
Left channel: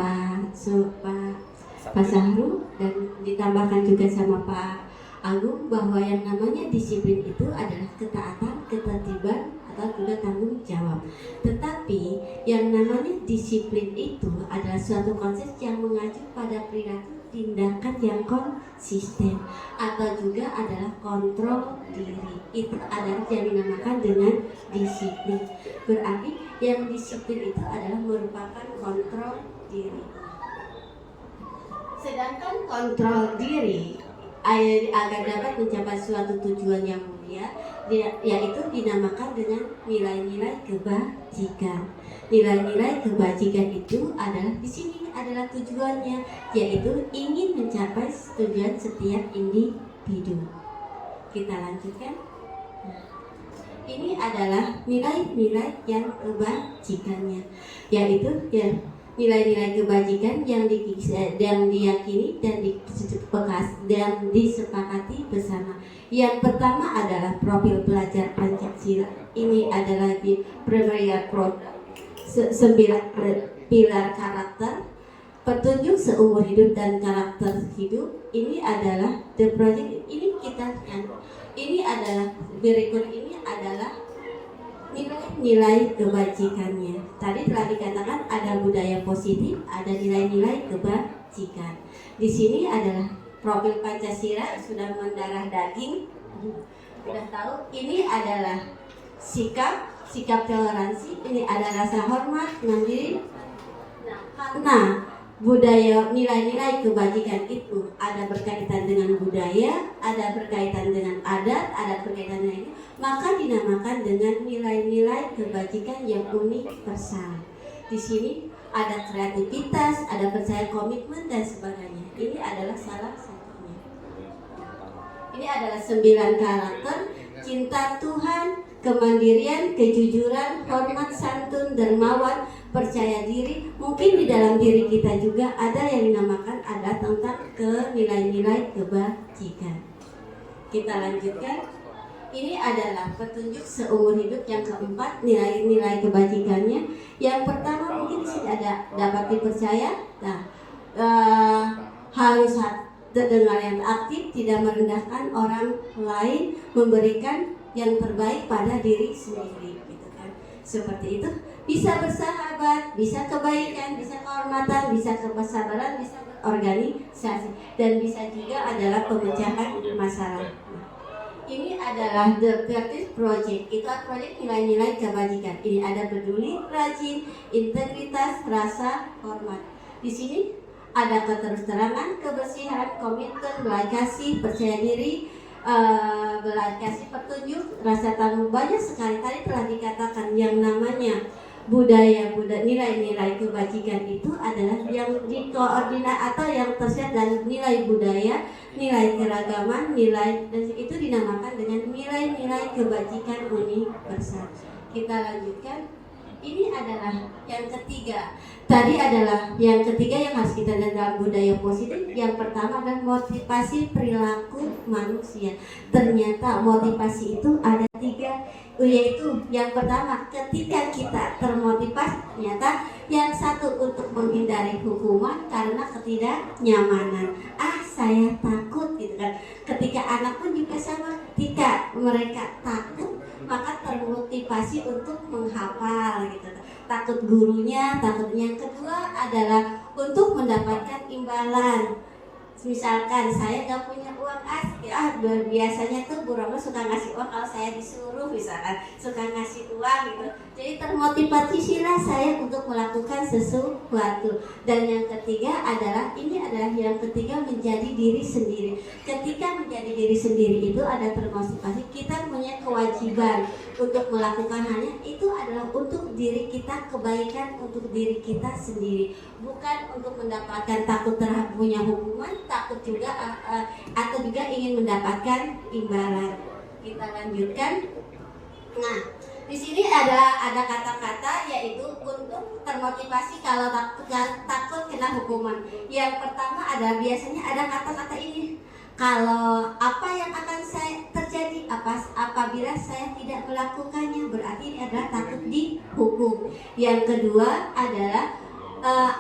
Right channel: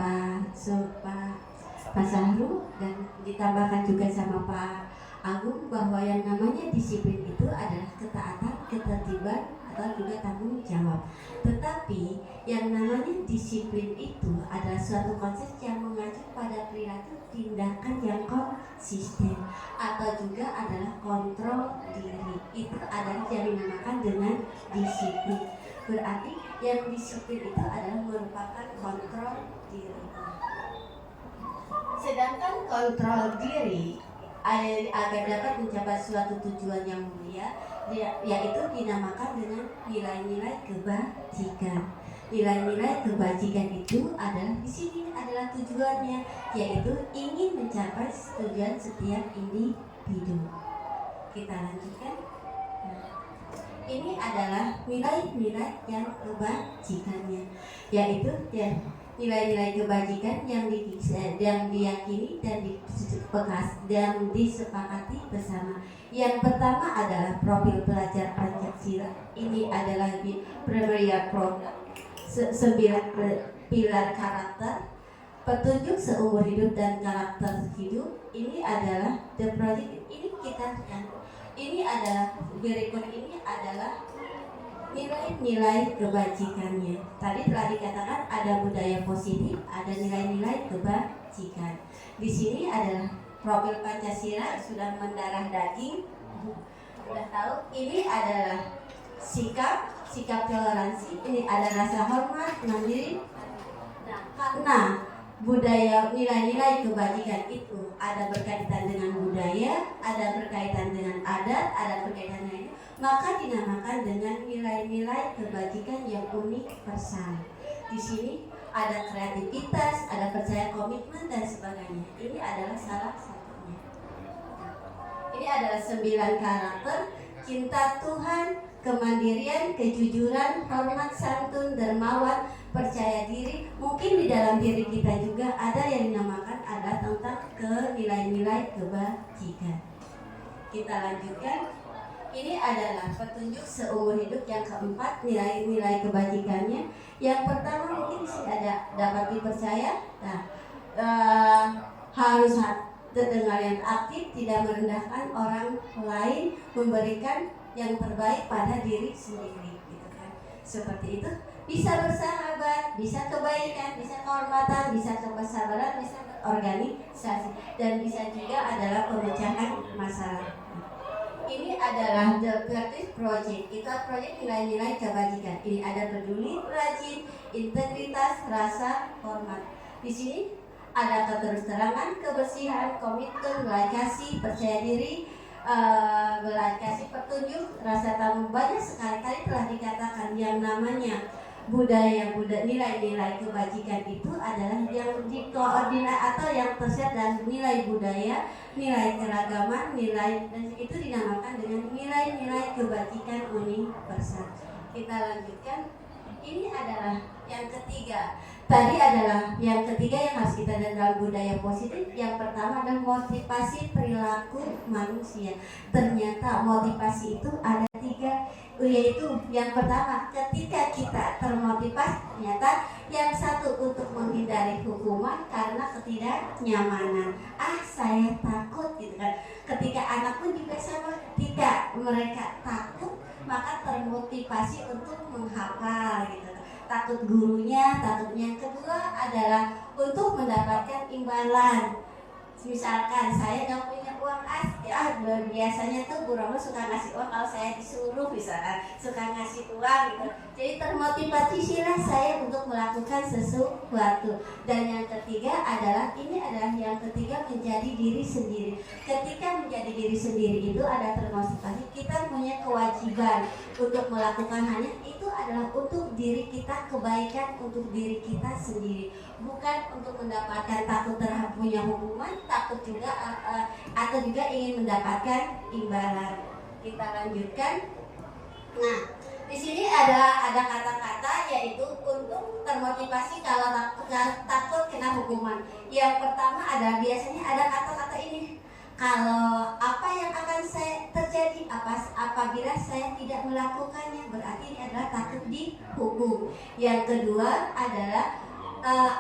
Pak Sahrul dan ditambahkan juga sama Pak Agung bahwa yang namanya disiplin itu adalah ketaatan, ketertiban atau juga tanggung jawab. Tetapi yang namanya disiplin itu adalah suatu konsep yang mengacu pada perilaku tindakan yang konsisten atau juga adalah kontrol diri. Itu adalah yang dinamakan dengan disiplin. Berarti yang disiplin itu adalah merupakan kontrol diri. Sedangkan kontrol diri agar dapat mencapai suatu tujuan yang mulia, yaitu dinamakan dengan nilai-nilai kebajikan. Nilai-nilai kebajikan itu adalah di sini adalah tujuannya, yaitu ingin mencapai tujuan setiap individu. Kita lanjutkan. Ini adalah nilai-nilai yang kebajikannya, yaitu nilai-nilai kebajikan yang diyakini dan disepakati bersama. Yang pertama adalah profil pelajar Pancasila. Ini adalah di primary program 9 pilar karakter, petunjuk seumur hidup dan karakter hidup. Ini adalah the project. Ini adalah berikut ini adalah nilai-nilai kebajikannya. Tadi telah dikatakan ada budaya positif, ada nilai-nilai kebajikan. Di sini adalah profil Pancasila sudah mendarah daging. Sudah tahu ini adalah sikap toleransi, ini ada rasa hormat, mandiri. Nah, karena budaya nilai-nilai kebajikan itu ada berkaitan dengan budaya, ada berkaitan dengan adat, ada berkaitan dengan ini, maka dinamakan dengan nilai-nilai kebajikan yang universal. Di sini ada kreativitas, ada percaya komitmen dan sebagainya. Ini adalah salah satunya. Ini adalah 9 karakter: cinta Tuhan, kemandirian, kejujuran, hormat, santun, dermawan, percaya diri. Mungkin di dalam diri kita juga ada yang dinamakan ada tentang nilai-nilai kebajikan. Kita lanjutkan. Ini adalah petunjuk seumur hidup yang keempat, nilai-nilai kebajikannya. Yang pertama mungkin di sini ada dapat dipercaya. Nah, harus terdengar yang aktif, tidak merendahkan orang lain, memberikan yang terbaik pada diri sendiri, gitu kan. Seperti itu. Bisa bersahabat, bisa kebaikan, bisa kehormatan, bisa kesabaran, bisa berorganisasi, dan bisa juga adalah pemecahan masalah. Ini adalah The Creative Project. Itu proyek nilai-nilai kebajikan. Ini ada peduli, rajin, integritas, rasa hormat. Di sini ada keterus-terangan, kebersihan, komitmen, belas kasih, percaya diri, belas kasih petunjuk, rasa tanggung. Banyak sekali tadi telah dikatakan yang namanya budaya nilai-nilai kebajikan itu adalah yang dikoordinat atau yang tersirat dalam nilai budaya, nilai keragaman, nilai, dan itu dinamakan dengan nilai-nilai kebajikan universal. Kita lanjutkan. Ini adalah yang ketiga. Tadi adalah yang ketiga yang harus kita lihat dalam budaya positif. Yang pertama adalah motivasi perilaku manusia. Ternyata motivasi itu ada tiga, yaitu yang pertama ketika kita termotivasi, ternyata yang satu untuk menghindari hukuman karena ketidaknyamanan. Saya takut gitu kan. Ketika anak pun juga sama, ketika mereka takut maka termotivasi untuk menghafal gitu. Takut gurunya, takutnya. Yang kedua adalah untuk mendapatkan imbalan. Misalkan saya gak punya uang biasanya tuh Bu Rono suka ngasih uang kalau saya disuruh, misalkan suka ngasih uang gitu. Jadi termotivasi sila saya untuk melakukan sesuatu. Dan yang ketiga adalah yang ketiga menjadi diri sendiri. Ketika menjadi diri sendiri itu ada termotivasi, kita punya kewajiban untuk melakukan hanya itu adalah untuk diri kita, kebaikan untuk diri kita sendiri, bukan untuk mendapatkan takut punya hukuman, takut juga atau juga ingin mendapatkan imbalan. Kita lanjutkan. Nah, di sini ada kata-kata yaitu untuk termotivasi kalau takut kena hukuman. Yang pertama ada biasanya ada kata-kata ini. Kalau apa yang akan saya terjadi apabila saya tidak melakukannya, berarti ini adalah takut dihukum. Yang kedua adalah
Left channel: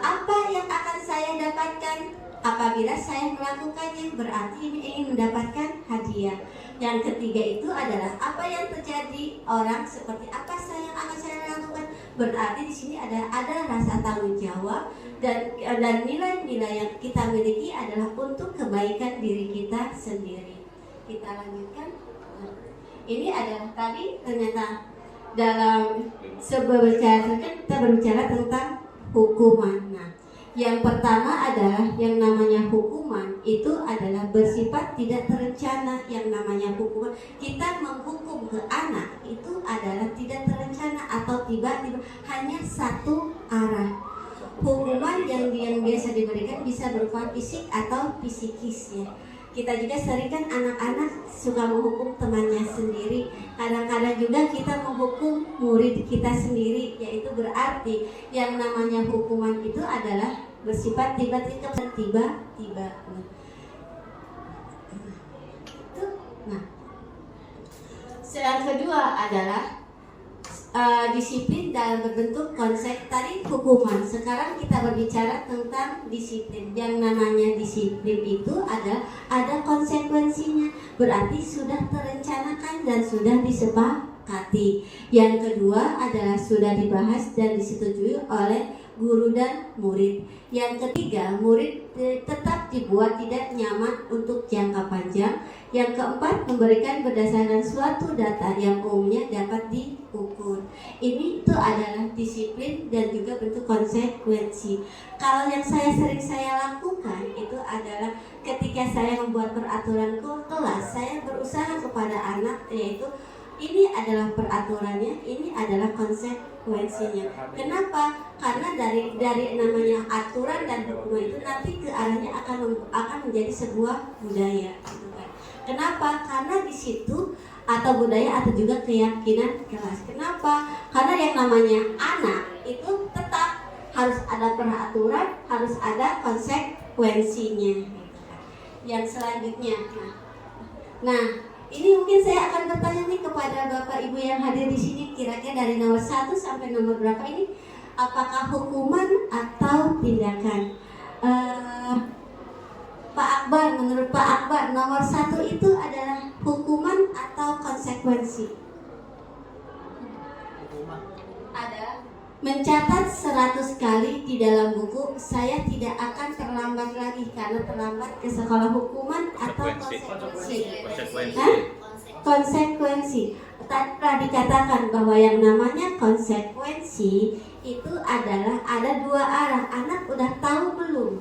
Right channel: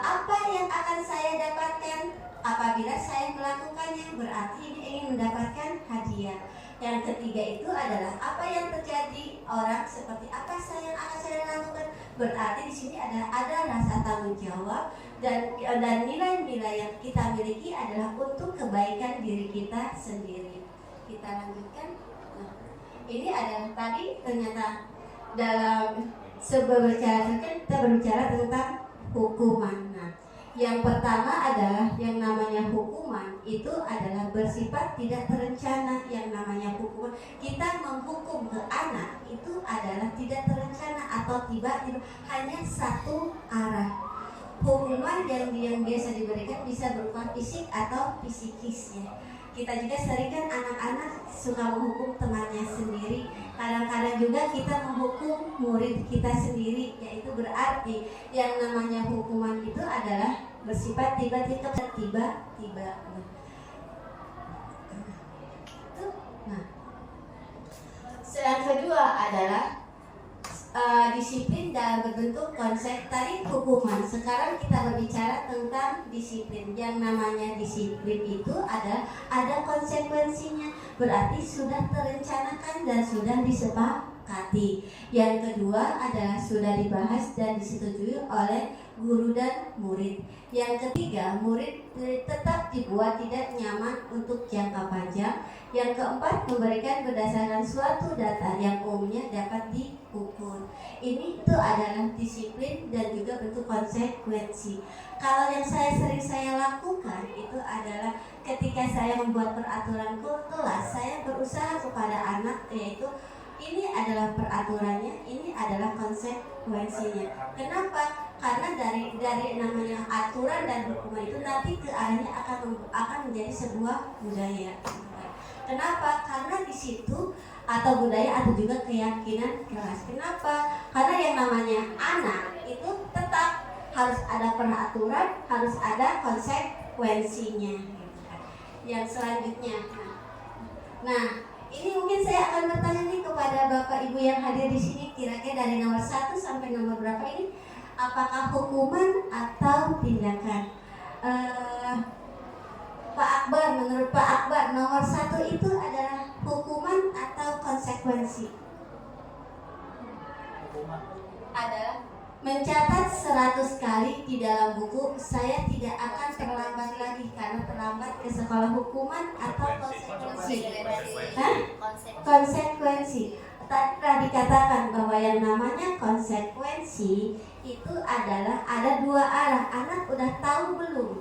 apa yang akan saya dapatkan apabila saya melakukannya, berarti ini ingin mendapatkan hadiah. Yang ketiga itu adalah apa yang terjadi orang seperti apa yang akan saya lakukan, berarti di sini ada rasa tanggung jawab dan nilai-nilai yang kita miliki adalah untuk kebaikan diri kita sendiri. Kita lanjutkan. Nah, ini adalah tadi ternyata dalam kita berbicara tentang hukuman. Nah, yang pertama adalah yang namanya hukuman itu adalah bersifat tidak terencana. Yang namanya hukuman, kita menghukum ke anak itu adalah tidak terencana atau tiba-tiba, hanya satu arah. Hukuman yang biasa diberikan bisa berupa fisik atau psikis ya. Kita juga sering kan anak-anak suka menghukum temannya sendiri. Kadang-kadang juga kita menghukum murid kita sendiri, yaitu berarti yang namanya hukuman itu adalah bersifat tiba-tiba. Nah, yang kedua adalah disiplin dalam berbentuk konsep tadi hukuman. Sekarang kita berbicara tentang disiplin. Yang namanya disiplin itu ada konsekuensinya, berarti sudah terencanakan dan sudah disepakati. Yang kedua adalah sudah dibahas dan disetujui oleh guru dan murid. Yang ketiga, murid tetap dibuat tidak nyaman untuk jangka panjang. Yang keempat, memberikan berdasarkan suatu data yang umumnya dapat diukur. Ini itu adalah disiplin dan juga bentuk konsekuensi. Kalau yang sering saya lakukan itu adalah ketika saya membuat peraturan kelas, saya berusaha kepada anak, yaitu ini adalah peraturannya, ini adalah konsekuensinya. Kenapa? Karena dari namanya aturan dan hukuman itu nanti ke arahnya akan menjadi sebuah budaya. Kenapa? Karena di situ atau budaya atau juga keyakinan kelas. Kenapa? Karena yang namanya anak itu tetap harus ada peraturan, harus ada konsekuensinya. Yang selanjutnya, nah ini mungkin saya akan bertanya nih kepada Bapak Ibu yang hadir di sini, kira-kira dari nomor 1 sampai nomor berapa ini, apakah hukuman atau tindakan? Pak Akbar, menurut Pak Akbar, nomor 1 itu adalah hukuman atau konsekuensi? Hukuman. Adalah mencatat 100 kali di dalam buku, saya tidak akan terlambat lagi karena terlambat ke sekolah. Hukuman atau konsekuensi? Konsekuensi. telah dikatakan bahwa yang namanya konsekuensi itu adalah ada dua arah. Anak udah tahu belum?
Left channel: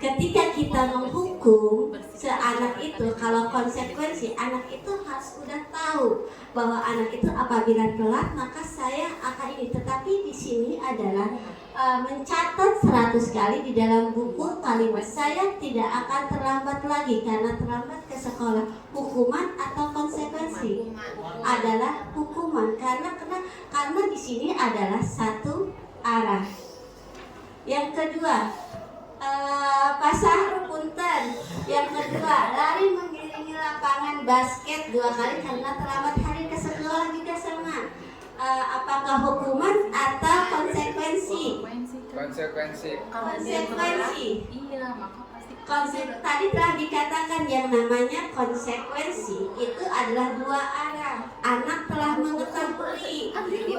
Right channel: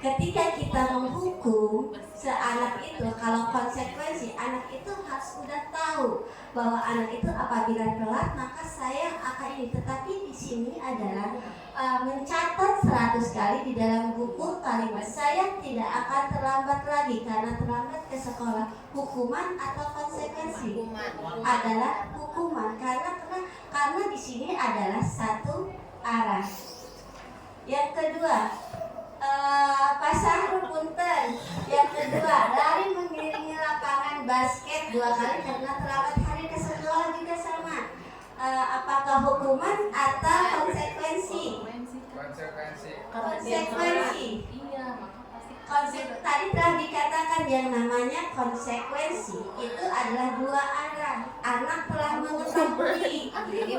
Ketika kita menghukum seanak itu, kalau konsekuensi, anak itu harus udah tahu bahwa anak itu apabila telat maka saya akan ini. Tetapi di sini adalah mencatat 100 kali di dalam buku kalimat saya tidak akan terlambat lagi karena terlambat ke sekolah. Hukuman atau konsekuensi? Adalah hukuman karena di sini adalah satu arah. Yang kedua, pasar punten. Yang kedua, lari mengiringi lapangan basket 2 kali karena terlambat hari ke sekolah juga sama. Apakah hukuman atau konsekuensi? Konsekuensi. Iya, maka pasti. Tadi telah dikatakan yang namanya konsekuensi itu adalah dua arah. Anak telah mengetahui. Ini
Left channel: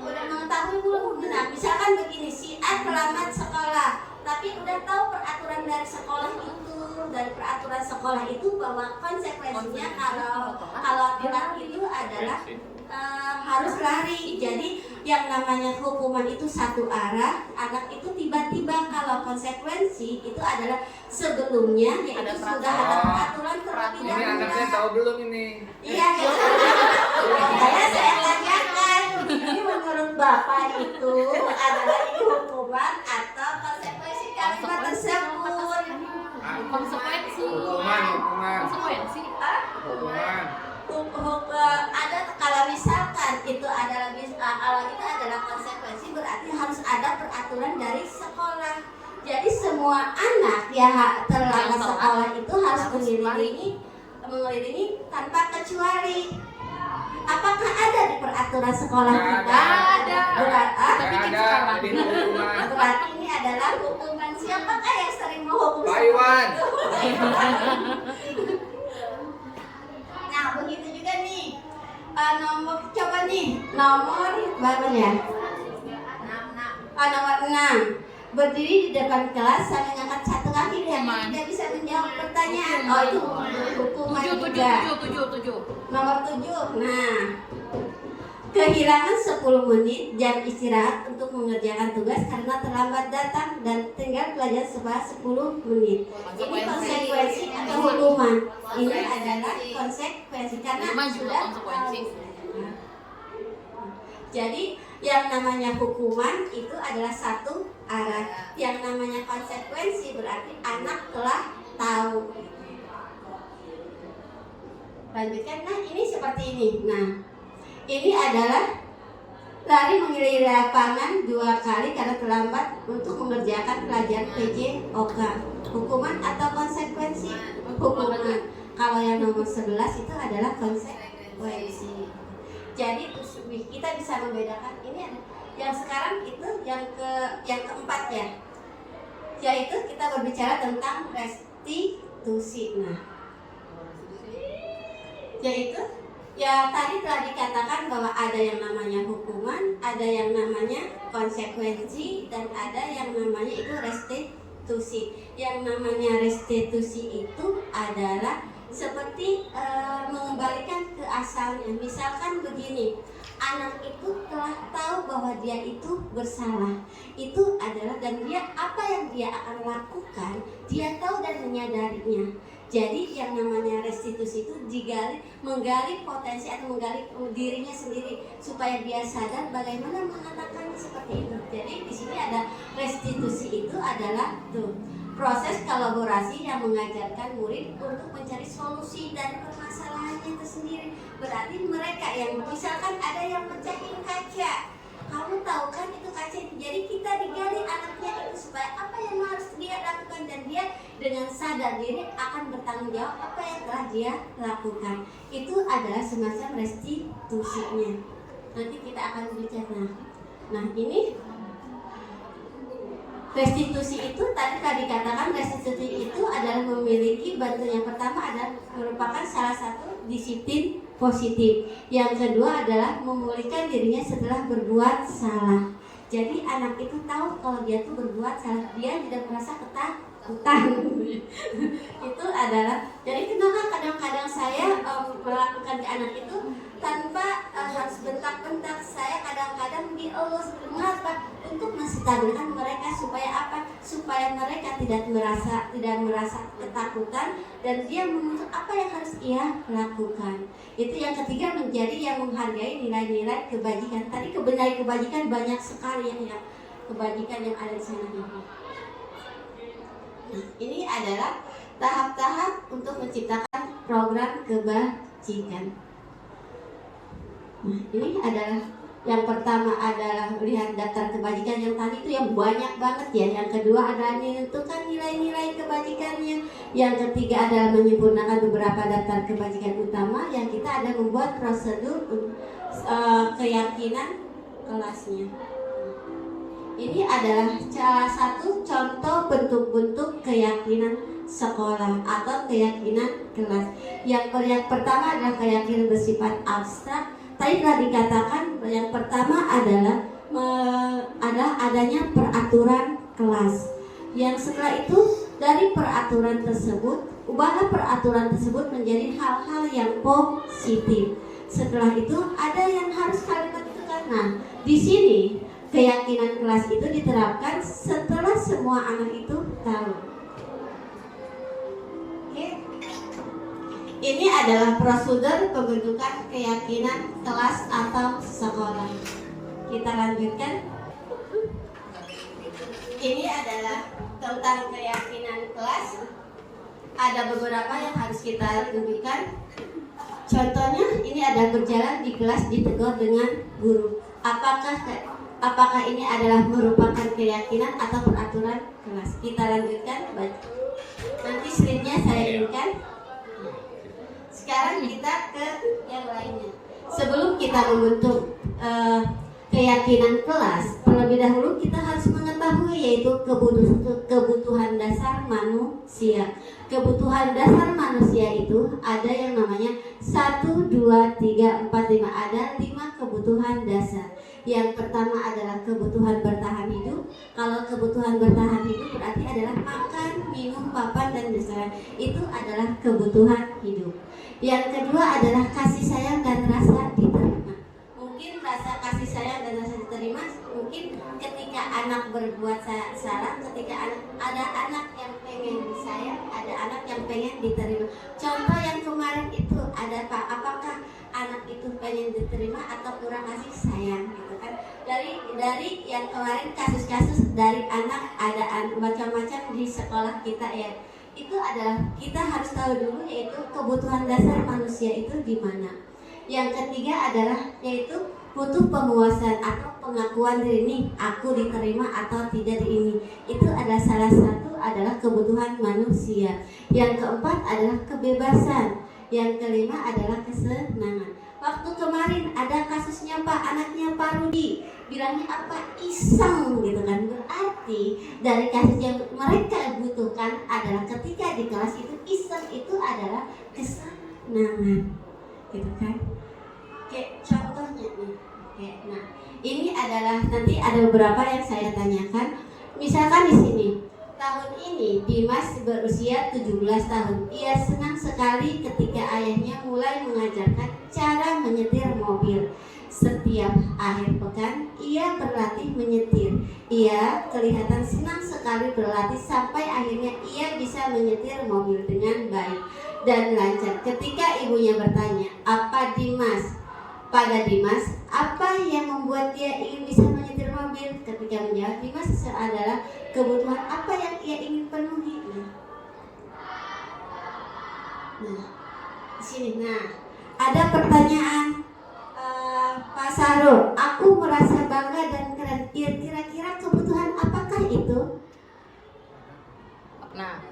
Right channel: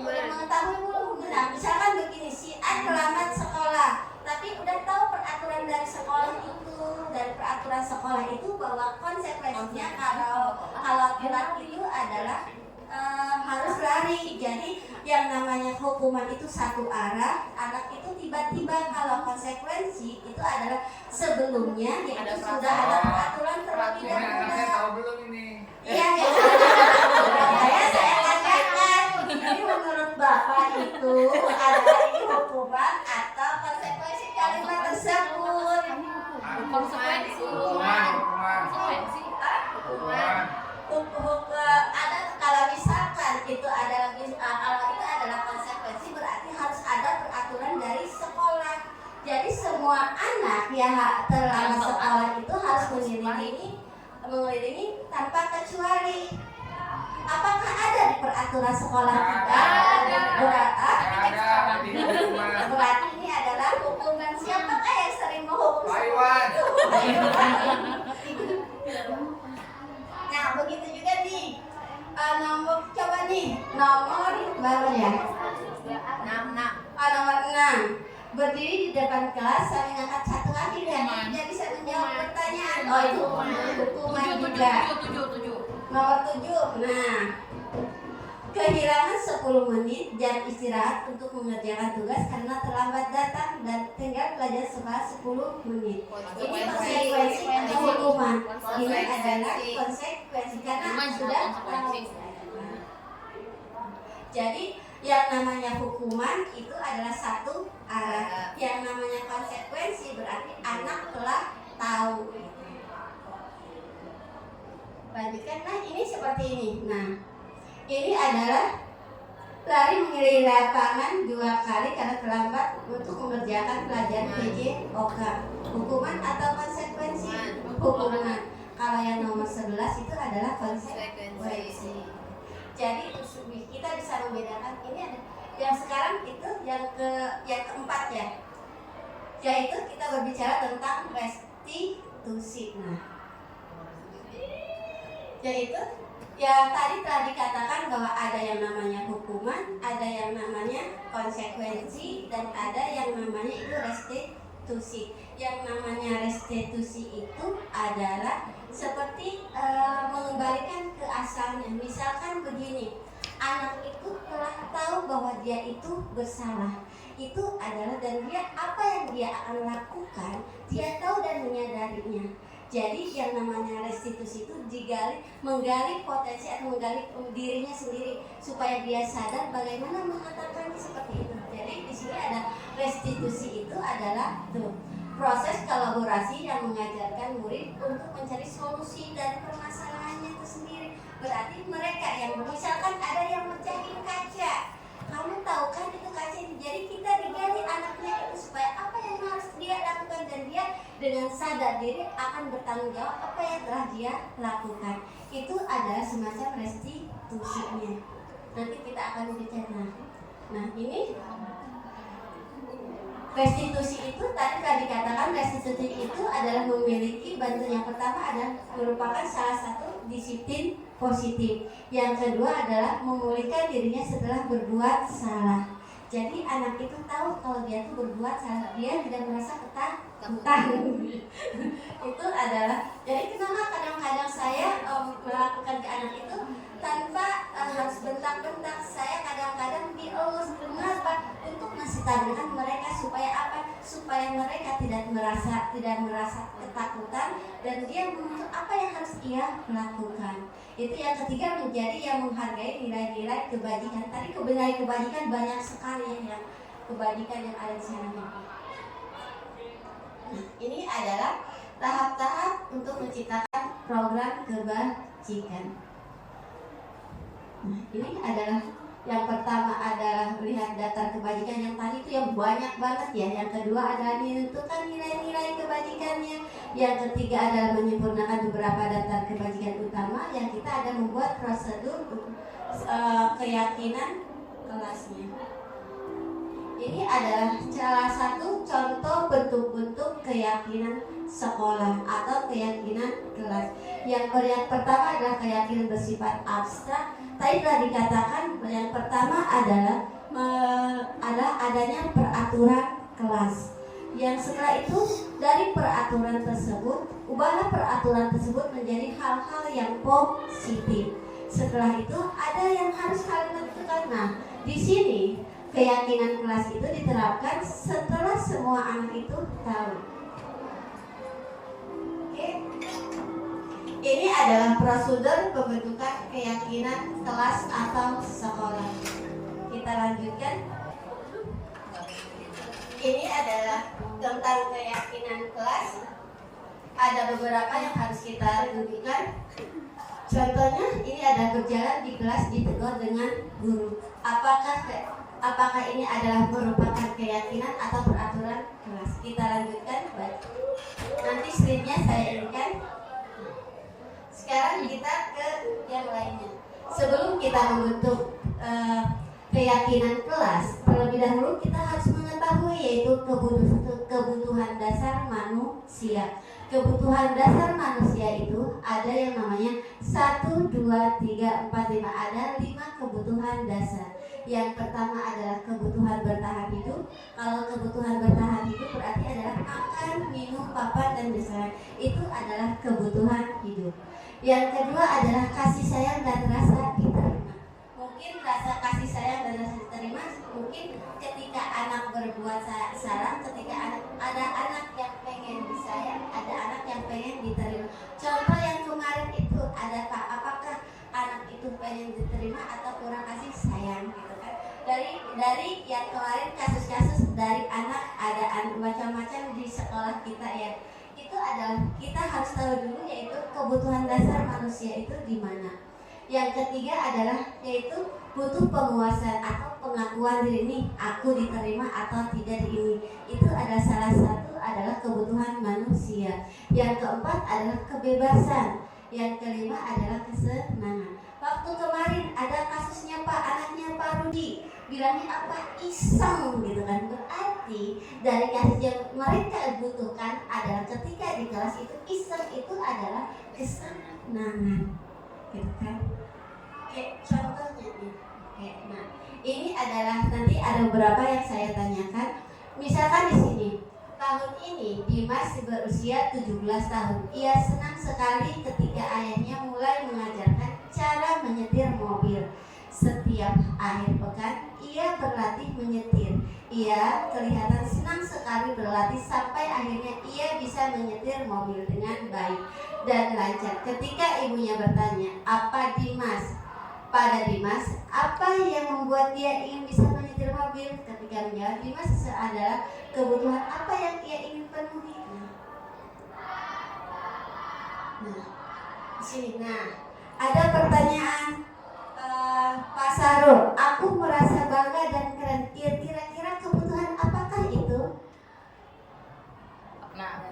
udah mengetahui belum? Nah, misalkan begini, si A terlambat sekolah, tapi udah tahu peraturan dari sekolah itu, dan peraturan sekolah itu bahwa konsekuensinya kalau telat itu adalah harus lari. Jadi yang namanya hukuman itu satu arah, anak itu tiba-tiba. Kalau konsekuensi itu adalah sebelumnya yaitu sudah ada peraturan terlebih Ini dahulu. anaknya tahu belum ini? Iya, saya tanyakan, ini menurut Bapak itu adalah ini hukuman atau konsekuensi kalimat tersebut? Konsekuensi. Hukuman. Konsekuensi. Ada kalau misalkan itu adalah kalau itu adalah konsekuensi berarti harus ada peraturan dari sekolah. Jadi semua anak yang terlambat sekolah itu harus mengiringi tanpa kecuali. Apakah ada di peraturan sekolah kita? Berarti ini adalah hukuman. Siapakah yang sering menghukum? Pak Iwan. Nah, begitu juga nih. Coba nih, nomor berapa ya? 6. Nomor 6. Berdiri di depan kelas sambil ngangkat satu kaki dan tidak bisa menjawab pertanyaan. Oh, itu hukuman juga. 7. Nomor 7. Nah, kehilangan 10 menit jam istirahat untuk mengerjakan tugas karena terlambat datang dan tinggal belajar selama 10 menit. Ini konsekuensi atau hukuman? Ini adalah konsekuensi karena sudah tahu. Jadi yang namanya hukuman itu adalah satu arah. Yang namanya konsekuensi berarti anak telah tahu. Lanjutkan. Nah, ini seperti ini. Nah, ini adalah lari mengelilingi lapangan 2 kali karena terlambat untuk mengerjakan pelajaran PJOK. Hukuman atau konsekuensi? Hukuman. Kalau yang nomor 11 itu adalah konsekuensi. Jadi kita bisa membedakan ini ada yang sekarang itu yang keempat ya. Yaitu kita berbicara tentang restitusi. Nah, yaitu ya tadi telah dikatakan bahwa ada yang namanya hukuman, ada yang namanya konsekuensi, dan ada yang namanya itu restitusi. Yang namanya restitusi itu adalah seperti mengembalikan ke asalnya. Misalkan begini, anak itu telah tahu bahwa dia itu bersalah. Itu adalah dan dia apa yang dia akan lakukan, dia tahu dan menyadarinya. Jadi yang namanya restitusi itu menggali potensi atau menggali dirinya sendiri supaya dia sadar bagaimana mengatakannya seperti itu. Jadi di sini ada restitusi itu adalah proses kolaborasi yang mengajarkan murid untuk mencari solusi dari permasalahannya tersendiri. Berarti mereka yang misalkan ada yang mecahin kaca, kamu tahu kan itu kaca itu. Jadi kita digali anaknya itu supaya apa yang harus dia lakukan dan dia dengan sadar diri akan bertanggung jawab apa yang telah dia lakukan. Itu adalah semacam restitusinya. Nanti kita akan bicara. Nah, ini restitusi itu tadi dikatakan restitusi itu adalah memiliki bantuan. Yang pertama adalah merupakan salah satu disiplin positif. Yang kedua adalah memulihkan dirinya setelah berbuat salah. Jadi anak itu tahu kalau dia itu berbuat salah, dia tidak merasa tentang itu adalah, jadi kenapa kadang-kadang saya melakukan ke anak itu tanpa harus bentak-bentak. Saya kadang-kadang dielus. Kenapa? Untuk menstabilkan mereka supaya apa? Supaya mereka tidak merasa ketakutan dan dia mengenal apa yang harus ia lakukan. Itu yang ketiga, menjadi yang menghargai nilai-nilai kebajikan. Tadi kebajikan banyak sekali ya, kebajikan yang ada di sana. Nah, ini adalah tahap-tahap untuk menciptakan program kebajikan. Nah, ini adalah yang pertama adalah melihat daftar kebajikan yang tadi itu yang banyak banget ya. Yang kedua adalah menentukan nilai-nilai kebajikannya. Yang ketiga adalah menyempurnakan beberapa daftar kebajikan utama. Yang kita ada membuat prosedur keyakinan kelasnya. Ini adalah salah satu contoh bentuk-bentuk keyakinan sekolah atau keyakinan kelas. Yang pertama adalah keyakinan bersifat abstrak. Tadi telah dikatakan yang pertama adalah adanya peraturan kelas. Yang setelah itu dari peraturan tersebut, ubahlah peraturan tersebut menjadi hal-hal yang positif. Setelah itu ada yang harus kalian tentukan. Nah, di sini keyakinan kelas itu diterapkan setelah semua anak itu tahu. Oke. Ini adalah prosedur pembentukan keyakinan kelas atau sekolah. Kita lanjutkan. Ini adalah tentang keyakinan kelas. Ada beberapa yang harus kita tunjukkan. Contohnya, ini ada berjalan di kelas ditegur dengan guru. Apakah ini adalah merupakan keyakinan atau peraturan kelas? Kita lanjutkan. Nanti slide-nya saya inikan. Sekarang kita ke yang lainnya. Sebelum kita membentuk keyakinan kelas, terlebih dahulu kita harus mengetahui yaitu kebutuhan dasar manusia. Kebutuhan dasar manusia itu ada yang namanya 1, 2, 3, 4, 5. Ada 5 kebutuhan dasar. Yang pertama adalah kebutuhan bertahan hidup. Kalau kebutuhan bertahan hidup berarti adalah makan, minum, papan, dan berjalan. Itu adalah kebutuhan hidup. Yang kedua adalah kasih sayang dan rasa diterima. Mungkin rasa kasih sayang dan rasa diterima mungkin ketika anak berbuat salah, ketika ada anak yang pengen disayang, ada anak yang pengen diterima. Contoh yang kemarin itu ada apakah anak itu pengen diterima atau kurang kasih sayang gitu kan. Dari yang kemarin kasus-kasus dari anak ada macam-macam di sekolah kita ya. Itu adalah kita harus tahu dulu yaitu kebutuhan dasar manusia itu di mana. Yang ketiga adalah yaitu butuh penguasaan atau pengakuan diri ini, aku diterima atau tidak di ini. Itu adalah salah satu adalah kebutuhan manusia. Yang keempat adalah kebebasan. Yang kelima adalah kesenangan. Waktu kemarin ada kasusnya Pak, anaknya Pak Rudi, bilangnya apa? Iseng gitu kan. Berarti dari kasus yang mereka butuhkan adalah ketika di kelas itu iseng itu adalah kesenangan. Gitu kan. Oke, contohnya nih. Oke, nah, ini adalah nanti ada beberapa yang saya tanyakan. Misalkan di sini tahun ini Dimas berusia 17 tahun. Ia senang sekali ketika ayahnya mulai mengajarkan cara menyetir mobil. Setiap akhir pekan ia berlatih menyetir. Ia kelihatan senang sekali berlatih sampai akhirnya ia bisa menyetir mobil dengan baik dan lancar. Ketika ibunya bertanya, pada Dimas, apa yang membuat dia ingin bisa menyetir mobil? Ketika menjawab, Dimas adalah kebutuhan apa yang ia ingin penuhi. Nah, di sini. Nah, ada pertanyaan Pak Sarul. Aku merasa bangga dan keren. Kira-kira kebutuhan apakah itu? Nah,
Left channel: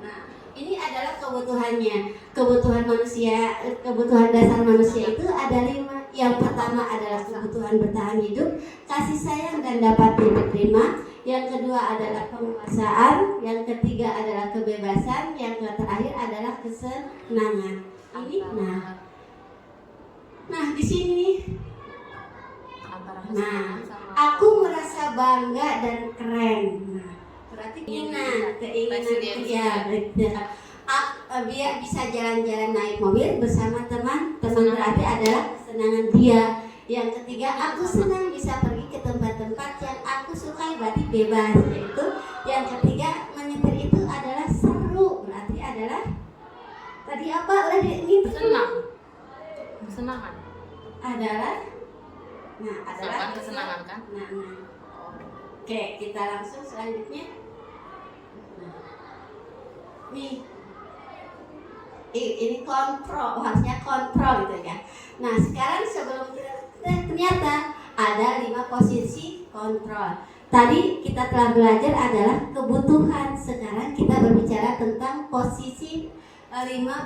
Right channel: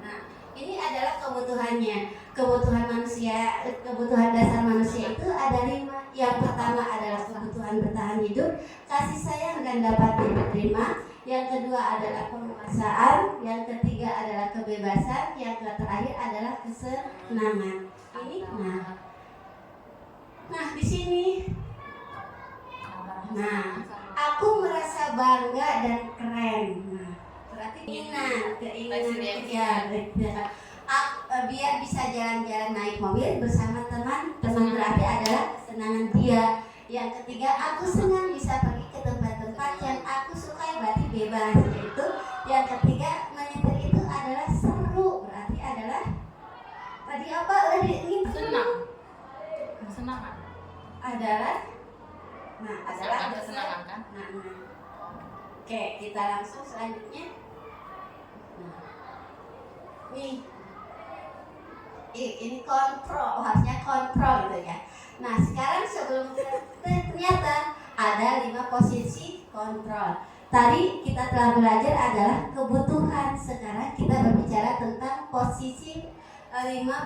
ini adalah kebutuhannya. Kebutuhan manusia, kebutuhan dasar manusia itu ada 5. Yang pertama adalah kebutuhan bertahan hidup, kasih sayang dan dapat diterima. Yang kedua adalah penguasaan. Yang ketiga adalah kebebasan. Yang terakhir adalah kesenangan. Ini nah di sini. Nah, aku merasa bangga dan keren. Nah, berarti keinginan ya. Biar bisa jalan-jalan naik mobil bersama teman-teman berarti adalah kesenangan dia. Yang ketiga, aku senang bisa pergi ke tempat-tempat yang aku sukai, berarti bebas. Yaitu yang ketiga, menyetir itu adalah seru, berarti adalah tadi apa? Udah itu Senang. Kesenangan. adalah adalah Kesenangan kan? Oke, kita langsung selanjutnya. Nih, ini kontrol, harusnya kontrol gitu ya. Nah, sekarang sebelum ternyata ada 5 posisi kontrol. Tadi kita telah belajar adalah kebutuhan. Sekarang kita berbicara tentang 5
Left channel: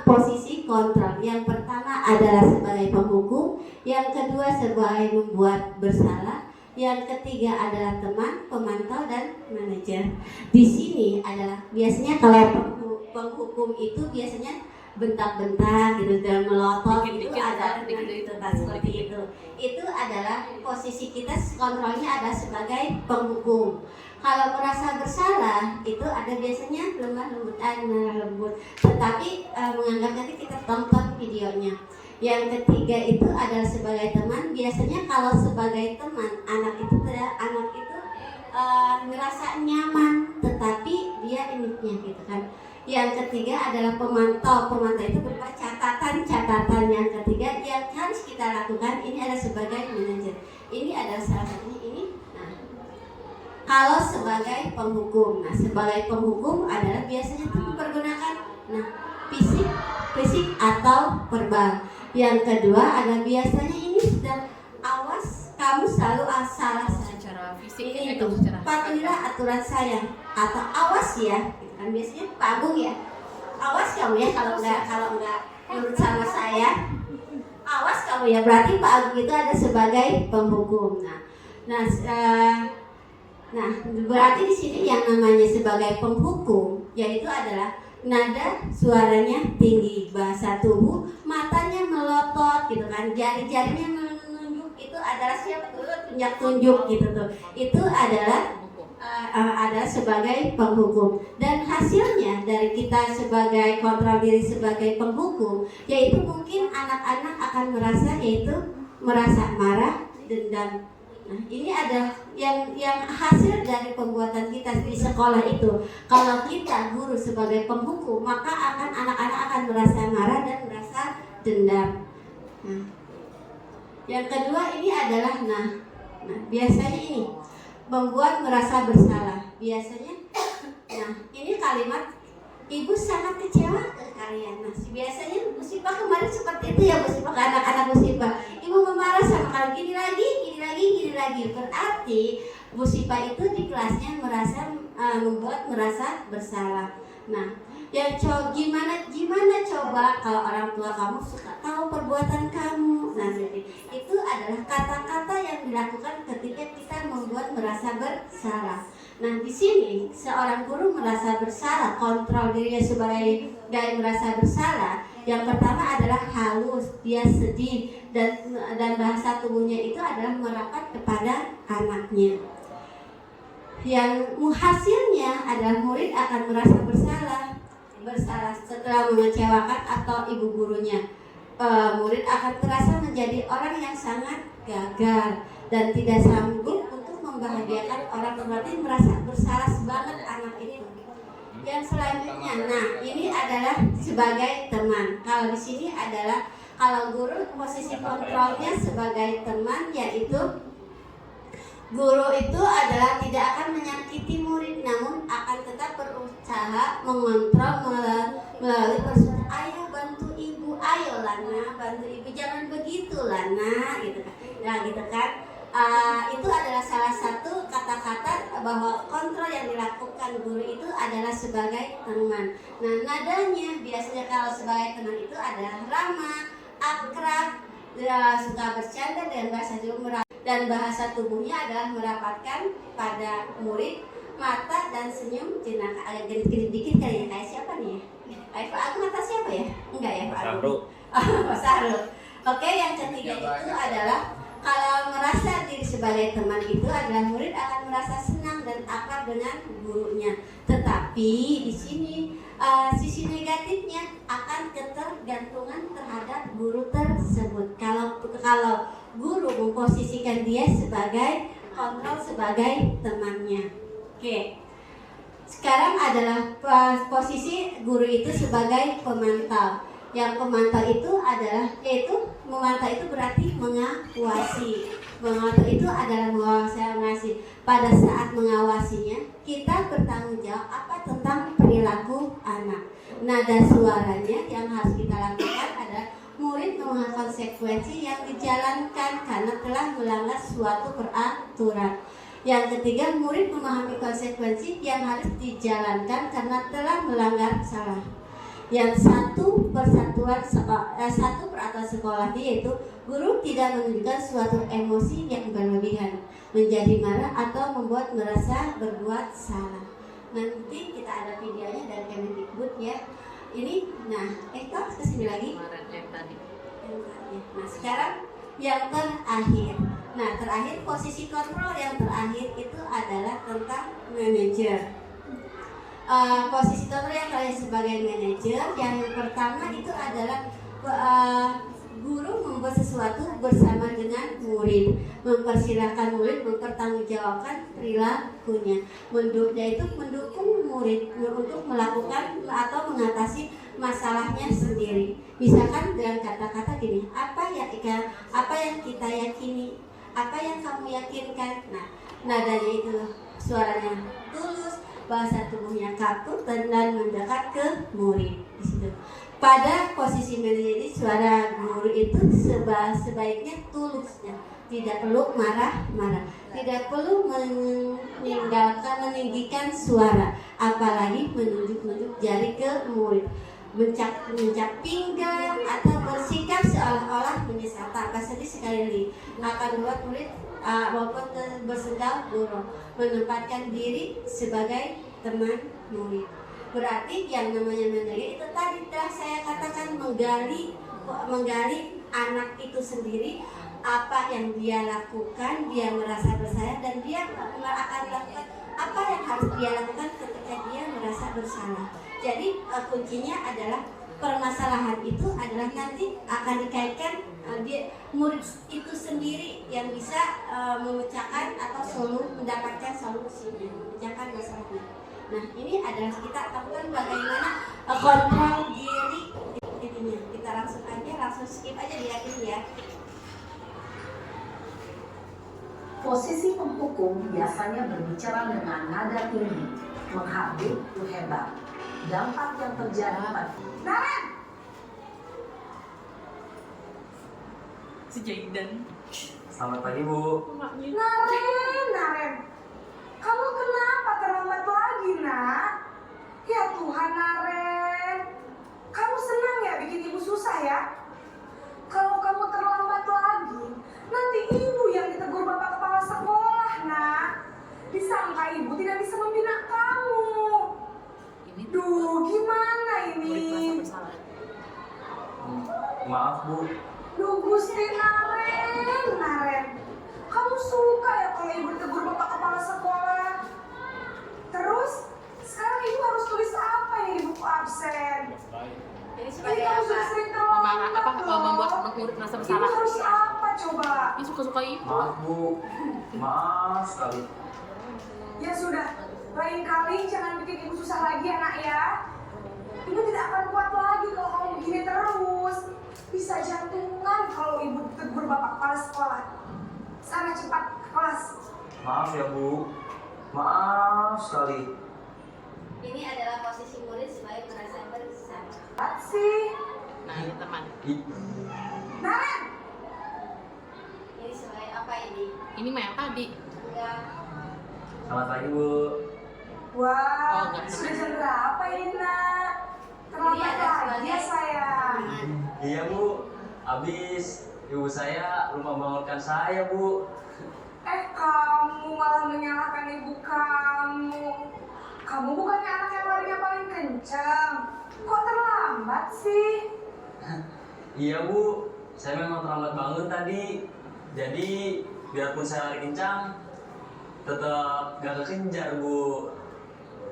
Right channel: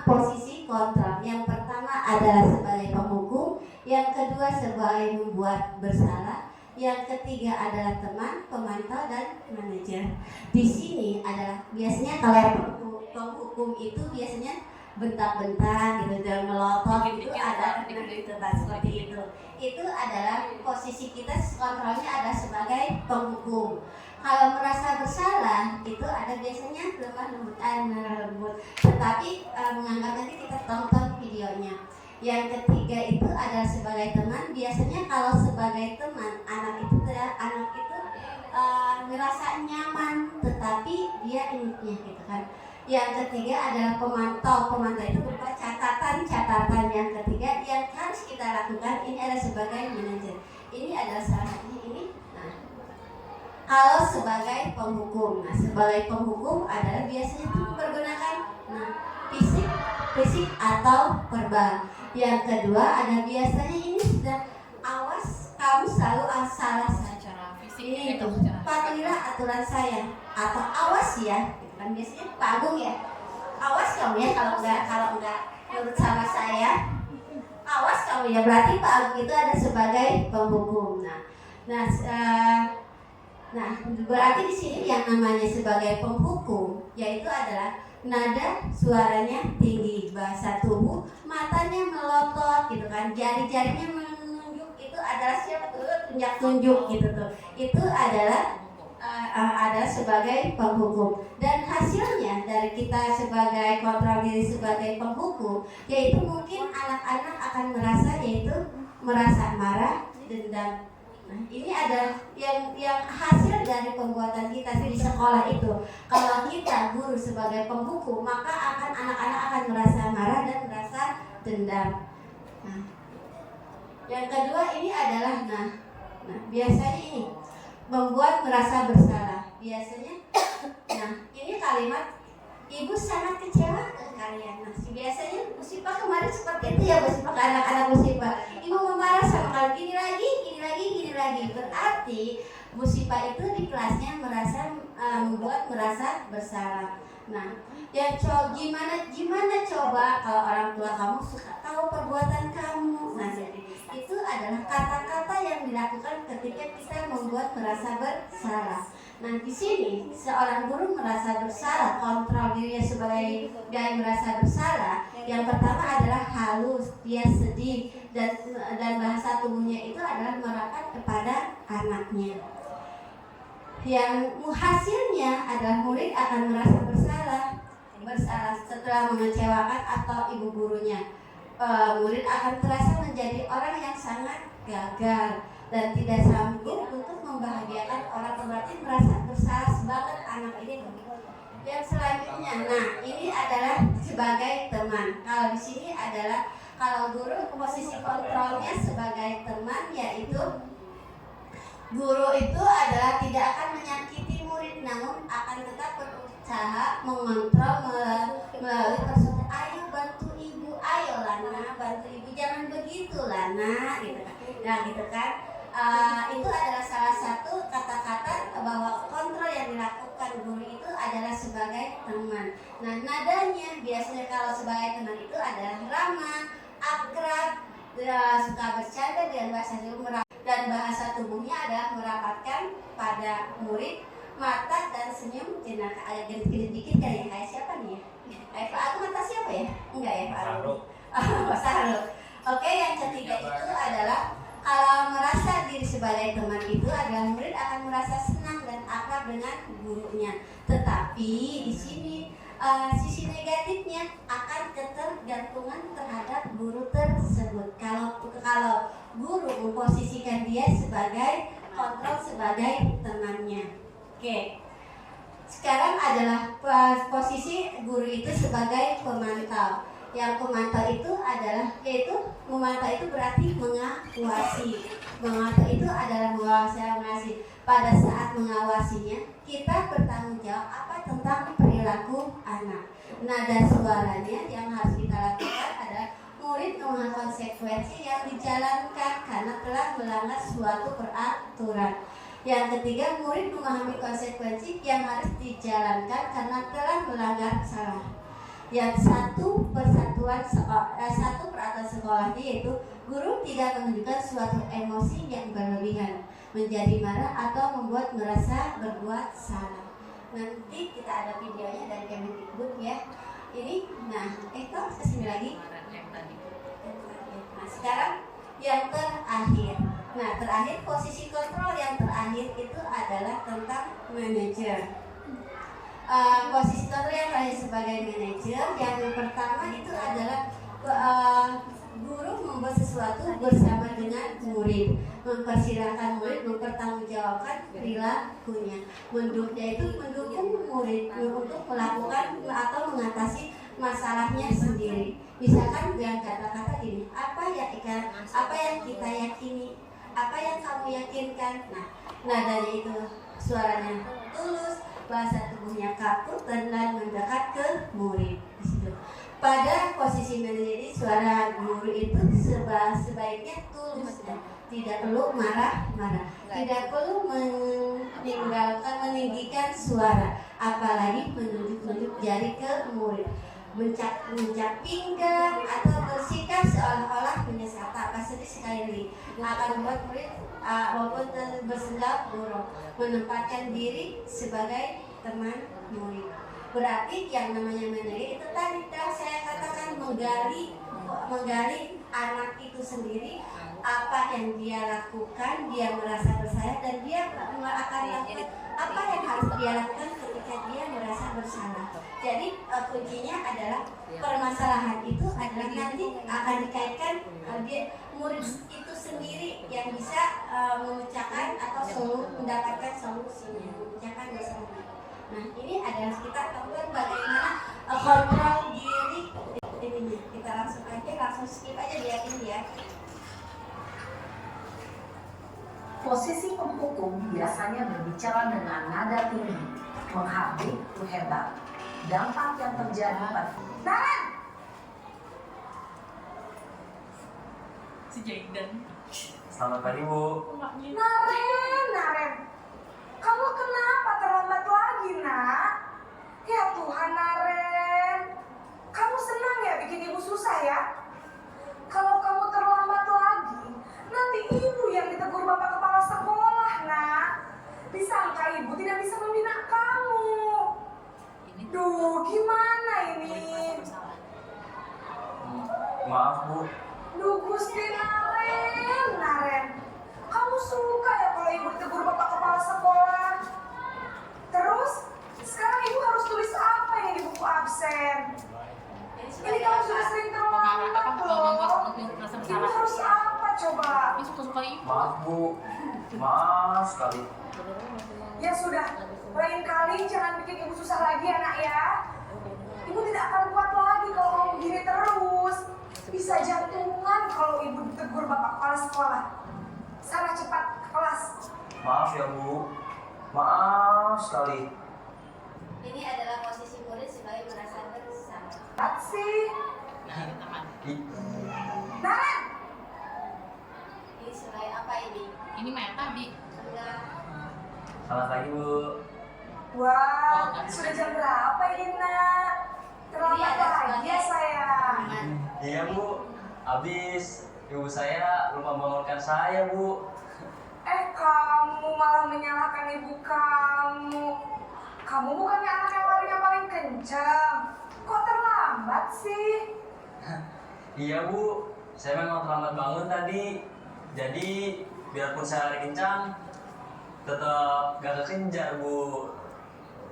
posisi kontrol. Yang pertama adalah sebagai penghukum, yang kedua sebagai membuat bersalah, yang ketiga adalah teman, pemantau, dan manajer. Di sini adalah biasanya kalau penghukum itu biasanya bentak-bentak gitu dan melotot itu ada seperti itu. Itu adalah posisi kita kontrolnya ada sebagai penghukum. Kalau merasa bersalah itu ada biasanya lemah lembut. Tetapi menganggap nanti kita tonton videonya. Yang ketiga itu adalah sebagai teman. Biasanya kalau sebagai teman anak itu merasa nyaman, tetapi dia iniknya gitu kan. Yang ketiga adalah pemantau. Pemantau itu berupa catatan-catatan. Yang ketiga yang harus kita lakukan ini adalah sebagai manajer. Ini adalah salah satunya ini. Nah, kalau sebagai penghukum, sebagai penghukum adalah biasanya mempergunakan fisik atau verbal. Yang kedua ada biasanya ini sudah awas kamu selalu salah Secara fisik ini itu itu patuhilah aturan saya atau awas ya. Kan biasanya Pak Agung ya, awas kamu ya kalau enggak menurut sama saya, awas kamu ya, berarti Pak Agung itu ada sebagai penghukum. Nah berarti di sini yang namanya sebagai penghukum yaitu adalah nada suaranya tinggi, bahasa tubuh, matanya melotot gitu kan, jari-jarinya menunjuk, itu adalah siapa tuh tunjuk gitu tuh, itu adalah sebagai penghukum. Dan hasilnya dari kita sebagai kontrol diri sebagai penghukum yaitu mungkin anak-anak akan merasa marah, dendam. Nah, ini adalah yang hasil dari pembuatan kita di sekolah itu. Kalau kita guru sebagai penghukum, maka anak-anak akan merasa marah dan merasa dendam. Nah, yang kedua ini adalah biasanya ini membuat merasa bersalah. Biasanya ini kalimat ibu sangat kecewa ke kalian. Biasanya musibah kemarin seperti itu ya, musibah ke anak-anak musibah. Ibu memarah sama kalian gini lagi. Berarti musibah itu di kelasnya membuat merasa bersalah. Nah, yang gimana coba kalau orang tua kamu suka tahu perbuatan kamu. Nah, jadi itu adalah kata-kata yang dilakukan ketika kita membuat merasa bersalah. Nah, di sini seorang guru merasa bersalah, kontrol dirinya sebagai merasa bersalah. Yang pertama adalah halus, dia sedih dan bahasa tubuhnya itu adalah merapat kepada anaknya. Yang hasilnya adalah murid akan merasa bersalah setelah mengecewakan atau ibu gurunya. Murid akan terasa menjadi orang yang sangat gagal dan tidak sanggup untuk membahagiakan orang, berarti merasa bersalah banget anak ini. Yang selanjutnya, ini adalah sebagai teman. Kalau di sini adalah kalau guru posisi kontrolnya sebagai teman, yaitu guru itu adalah tidak akan menyakiti murid, namun akan tetap berusaha mengontrol melalui persuasian. Ayo bantu ibu, ayo Lana, bantu ibu, jangan begitu Lana, gitu kan. Nah, gitu kan. Itu adalah salah satu kata-kata bahwa kontrol yang dilakukan guru itu adalah sebagai teman. Nah, nadanya biasanya kalau sebagai teman itu adalah ramah, akrab, suka bercanda dan bahasa juga dan bahasa tubuhnya adalah merapatkan pada murid, mata dan senyum jenaka. Agak dikit-dikit kali ya, kayak siapa nih ya? Pak aku mata siapa ya? Enggak ya Pak aku? Pak Sahrul. Oke, yang ketiga itu adalah kalau merasa diri sebagai teman itu adalah murid akan merasa senang dan akrab dengan gurunya. Tetapi di sini sisi negatifnya akan ketergantungan terhadap guru tersebut. Kalau guru memposisikan dia sebagai kontrol, sebagai temannya. Oke. Sekarang adalah posisi guru itu sebagai pemantau. Yang pemantau itu adalah memantau itu berarti mengawasi. Memantau itu adalah mengawasi. Pada saat mengawasinya, kita bertanggung jawab apa tentang perilaku anak. Nada suaranya yang harus kita lakukan adalah murid memahami konsekuensi yang dijalankan karena telah melanggar suatu peraturan. Yang ketiga, murid memahami konsekuensi yang harus dijalankan karena telah melanggar salah. Yang satu peraturan sekolah yaitu guru tidak menunjukkan suatu emosi yang berlebihan, menjadi marah atau membuat merasa berbuat salah. Nanti kita ada videonya dari Kemendikbud ya. Ini, kok kesini lagi? Nah, sekarang yang terakhir. Nah, terakhir posisi kontrol yang terakhir itu adalah tentang manajer. Posisi kontrol yang terakhir sebagai manajer, yang pertama itu adalah guru membuat sesuatu bersama dengan murid, mempersilahkan murid mempertanggungjawabkan perilakunya, yaitu mendukung murid untuk melakukan atau mengatasi masalahnya sendiri. Misalkan dengan kata-kata gini, apa yang kita yakini, apa yang kamu yakinkan. Nah dari itu suaranya tulus, bahasa tubuhnya kaku dan mendekat ke murid. Di situ. Pada posisi manajer ini suara guru itu sebaiknya tulus ya. Tidak perlu marah-marah, tidak perlu meninggikan suara, apalagi menunjuk-nunjuk jari ke murid, mencap pinggang atau bersikap seolah-olah menyesal. Tanpa sedih sekali lagi akan membuat murid walaupun bersedang buruk, menempatkan diri sebagai teman murid. Berarti yang namanya manajer itu tadi telah saya katakan menggali anak itu sendiri, apa yang dia lakukan, dia merasa bersalah dan dia akan lakukan apa yang harus dia lakukan ketika dia merasa bersalah. Jadi kuncinya adalah permasalahan itu adalah nanti akan dikaitkan murid itu sendiri yang bisa memecahkan atau mendapatkan solusinya, memecahkan masalahnya. Nah ini adalah kita lakukan bagaimana kontrol diri ini. Kita langsung skip aja lihatin ya. Posisi penghukum biasanya berbicara dengan nada tinggi, menghardik hebat. Dampak yang terjadi Naren! Sejaidan. Selamat pagi, Bu. Naren, kamu kenapa terlambat lagi, nak? Ya Tuhan, Naren, kamu senang ya bikin ibu susah ya? Kalau kamu terlambat lagi, nanti ibu yang ditegur bapak kepala sekolah, nak. Disangka ibu tidak bisa membina kamu. Duh, gimana ini? Maaf, Bu. Duh, Gusti Naren, kamu suka ya kalau ibu tegur bapak kepala sekolah? Terus, sekarang ibu harus tulis apa ini di buku absen? Ini kamu sudah sering terlambat membuat murid merasa bersalah. Ibu harus apa coba? Ini suka-suka ibu. Maaf, Bu. Maaf sekali. Ya sudah, lain kali jangan bikin ibu susah lagi ya, nak ya. Ibu tidak akan kuat lagi kalau kamu gini terus. Bisa jantungan kalau ibu tegur bapak kepala sekolah. Sana cepat ke kelas. Maaf ya, Bu. Maaf sekali. Ini adalah posisi murid sebagai merasa bersalah. Apa sih? Nah, ini teman. Naren! Ini sebagai apa ini? Ini mah yang tadi. Sudah. Selamat pagi, Bu. Wah, sudah jam berapa ini, nak? Terlambat lagi ya, sayang. Iya, Bu. Habis ibu saya belum membangunkan saya, Bu. Kamu malah menyalahkan ibu kamu. Kamu bukannya anak yang larinya paling kencang. Kok terlambat sih? Iya, Bu. Saya memang terlambat bangun tadi. Jadi, biarpun saya lari kencang, tetap gak kekejar Bu.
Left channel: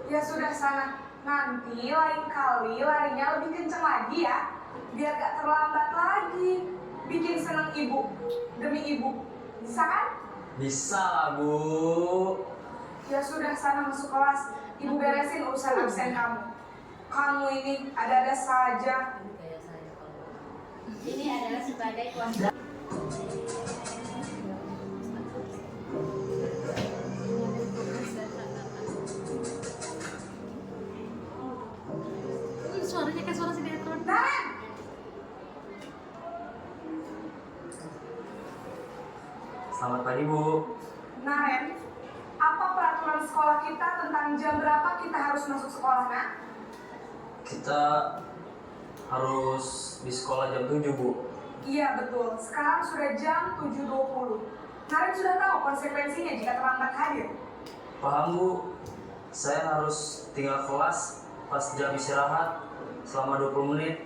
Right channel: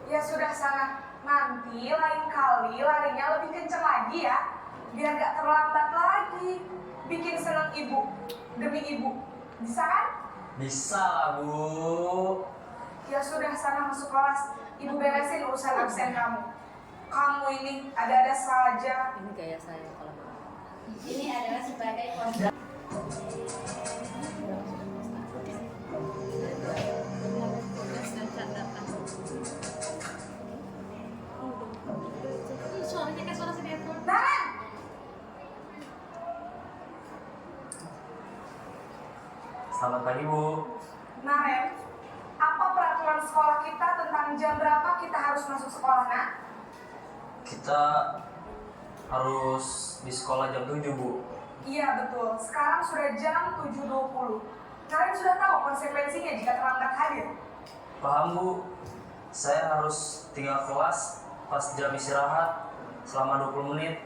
Ya sudah sana, nanti lain kali larinya lebih kenceng lagi ya, biar gak terlambat lagi. Bikin seneng ibu, demi ibu, bisa kan? Bisa lah Bu. Ya sudah sana masuk kelas, ibu beresin urusan absen kamu. Kamu ini ada-ada saja. Ini kayak saya kalau Ini adalah sebagai konsep. suaranya kayak suara sinetron. Naren! Selamat pagi Bu. Naren, apa peraturan sekolah kita tentang jam berapa kita harus masuk sekolah, nak? Kita harus di sekolah jam 7 Bu. Iya betul, sekarang sudah jam 7.20. Naren sudah tahu konsekuensinya jika terlambat hadir. Paham Bu. Saya harus tinggal kelas pas jam istirahat selama 20 menit.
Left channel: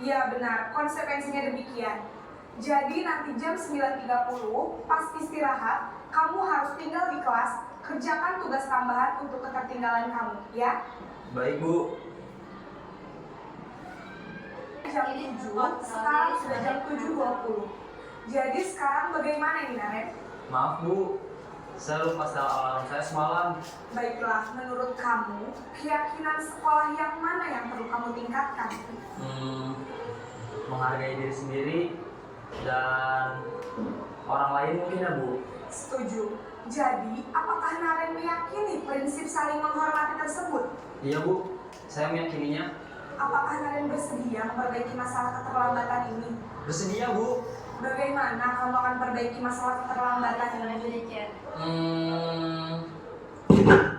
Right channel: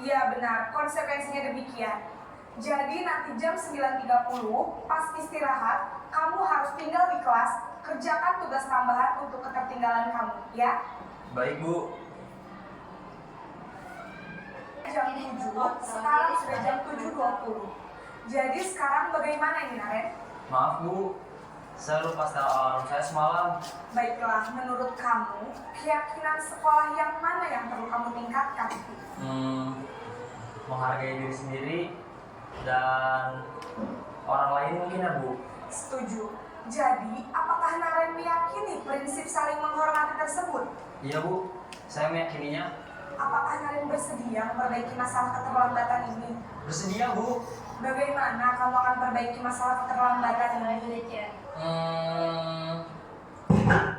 Iya benar, konsekuensinya demikian. Jadi nanti jam 9.30 pas istirahat, kamu harus tinggal di kelas, kerjakan tugas tambahan untuk ketertinggalan kamu, ya? Baik Bu. Jam 7, sekarang sudah jam 7.20. Jadi sekarang bagaimana ini, Naren? Maaf Bu, saya lupa setel alarm saya semalam. Baiklah, menurut kamu, keyakinan sekolah yang mana yang perlu kamu tingkatkan? Menghargai diri sendiri dan orang lain mungkin ya Bu. Setuju. Jadi, apakah Naren meyakini prinsip saling menghormati tersebut? Iya Bu, saya meyakininya. Apakah Naren bersedia memperbaiki masalah keterlambatan ini? Bersedia Bu. Bagaimana kamu akan perbaiki masalah keterlambatan ini?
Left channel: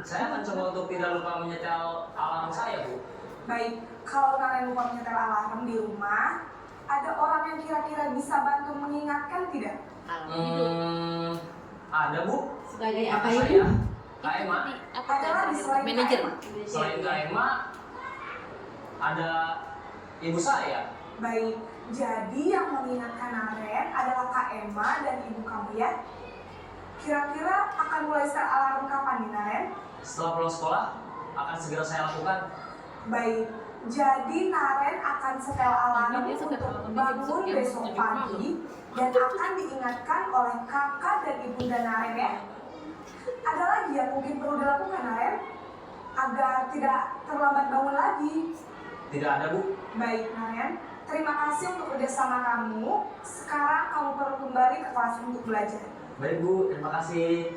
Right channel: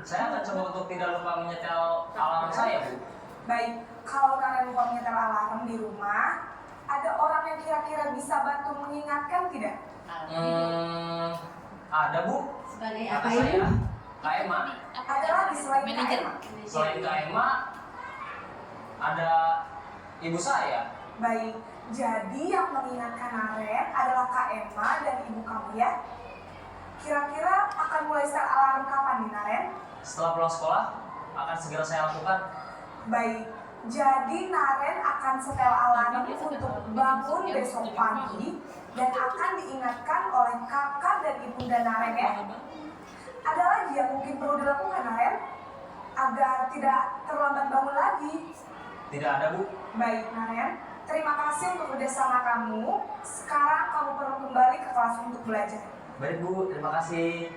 Saya akan coba untuk tidak lupa menyetel alarm saya Bu. Baik, kalau Naren lupa menyetel alarm di rumah, ada orang yang kira-kira bisa bantu mengingatkan tidak? Ada Bu. Sebagai apa Kakak ini? saya, Kak Emma. Ada lagi selain Kak Manajer. Emma? Selain Kak Emma, ada ibu saya. Baik, jadi yang mengingatkan Naren adalah Kak Emma dan ibu kamu ya. Kira-kira akan mulai set alarm kapan nih Naren? Setelah pulang sekolah, akan segera saya lakukan. Baik, jadi Naren akan setel alarm untuk bangun besok pagi dan akan diingatkan oleh kakak dan ibunda Naren ya. Ada lagi yang mungkin perlu dilakukan Naren agar tidak terlambat bangun lagi? Tidak ada Bu. Baik Naren, terima kasih untuk kerjasama kamu. Sekarang kamu perlu kembali ke kelas untuk belajar. Baik Bu, terima kasih.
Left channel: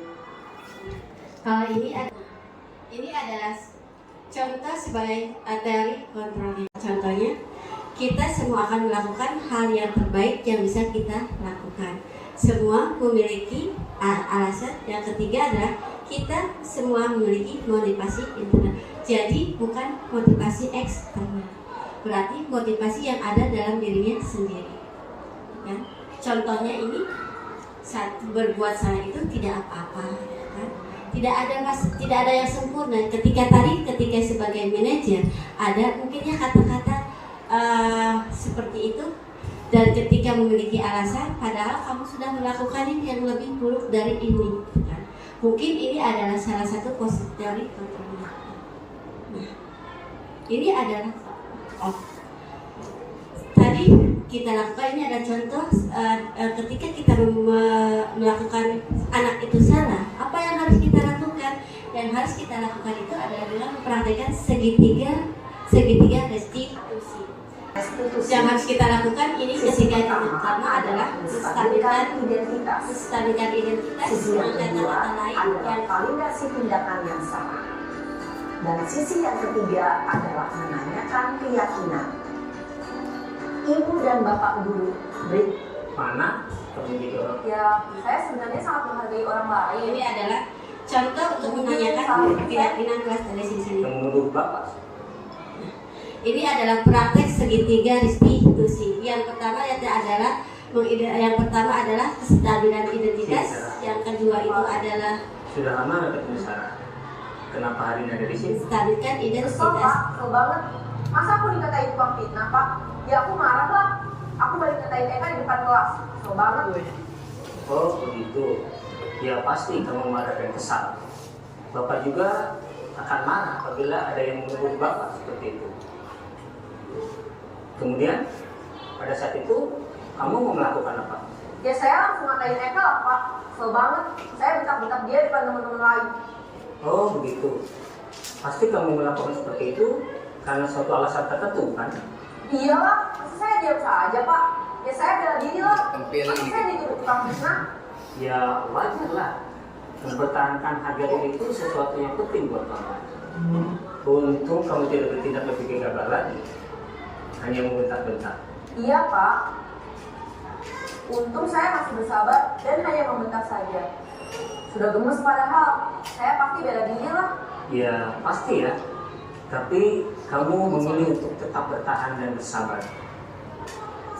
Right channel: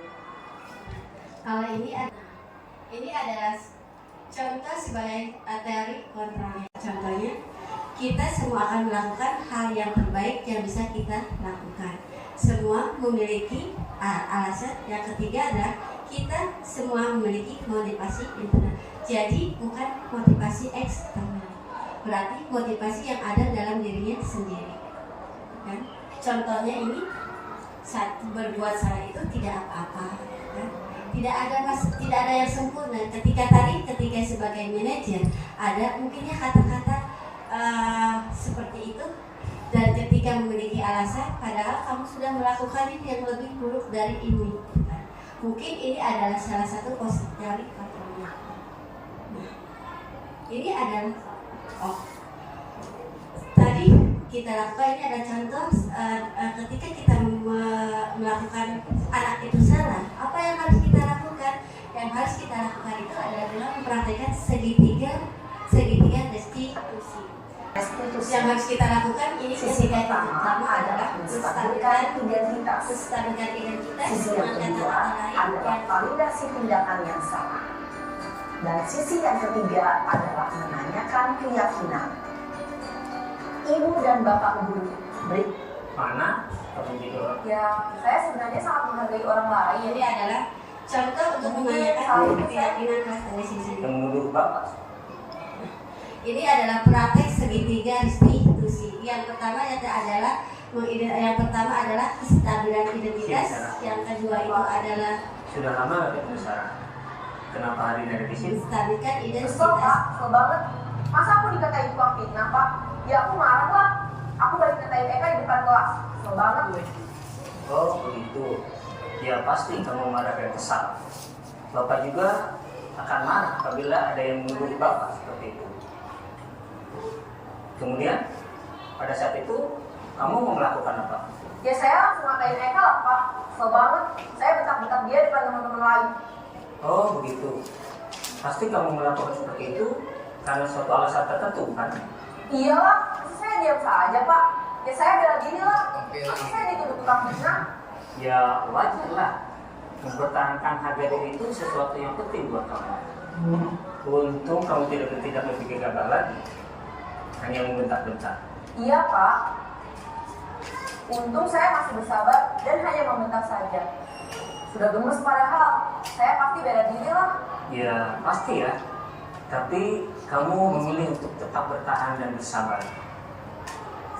Kalau ini adalah contoh sebagai teori kontrolnya. Contohnya, kita semua akan melakukan hal yang terbaik yang bisa kita lakukan. Semua memiliki alasan. Yang ketiga adalah kita semua memiliki motivasi internal. Jadi bukan motivasi eksternal. Berarti motivasi yang ada dalam dirinya sendiri. Kan? Contohnya ini berbuat salah itu tidak apa-apa. Kan? Tidak ada yang sempurna. Ketika sebagai manajer ada mungkinnya kata-kata seperti itu, dan ketika memiliki alasan padahal kamu sudah melakukan yang lebih buruk dari ini kan? Mungkin ini adalah salah satu positif teori kontrol. Nah, ini adalah tadi kita lakukan, ini ada contoh ketika kita melakukan anak itu salah, apa yang harus kita lakukan? Yang harus kita lakukan itu adalah mempraktikkan segitiga restitusi. Yang harus kita lakukan ini ketika yang pertama adalah menstabilkan identitas dengan kata-kata lain yang validasi tindakan yang salah. Dan sisi yang ketiga adalah menanyakan keyakinan. Ibu dan bapak guru beri Mana? ya, saya sebenarnya sangat menghargai orang lain. Ini adalah contoh untuk menanyakan keyakinan kelas dari sini. Menurut Bapak? Ini adalah praktek segitiga restitusi. Yang pertama adalah kestabilan identitas. Yang kedua itu adalah Sudah lama ketemu Sarah. Kenapa hari ini ada di sini? menstabilkan Kesel identitas. Pak, kesel banget. Masa aku dikatain tukang fitnah Pak? Ya aku marah lah. Aku balik katain Eka di depan kelas. Kesel banget gue. Oh begitu. Ya pasti kamu marah dan kesal. Bapak juga akan marah apabila ada yang menuduh Bapak seperti itu. Kemudian pada saat itu kamu mau melakukan apa? Ya saya langsung ngatain Eka lah Pak. Kesel banget. Saya bentak-bentak dia depan teman-teman lain. Oh begitu. Pasti kamu melakukan seperti itu karena suatu alasan tertentu kan? Iya lah, saya diam saja Pak. Ya saya bela diri lah. Saya dituduh tukang fitnah. Ya wajar lah. Mempertahankan harga diri itu sesuatu yang penting buat kamu. Untung kamu tidak bertindak membuat gagal lagi. Hanya membentak-bentak. Iya Pak. Untung saya masih bersabar dan hanya membentak saja. Sudah gemes padahal. Saya pasti bela diri lah. Ya pasti ya. Tapi kamu memilih untuk tetap bertahan dan bersabar.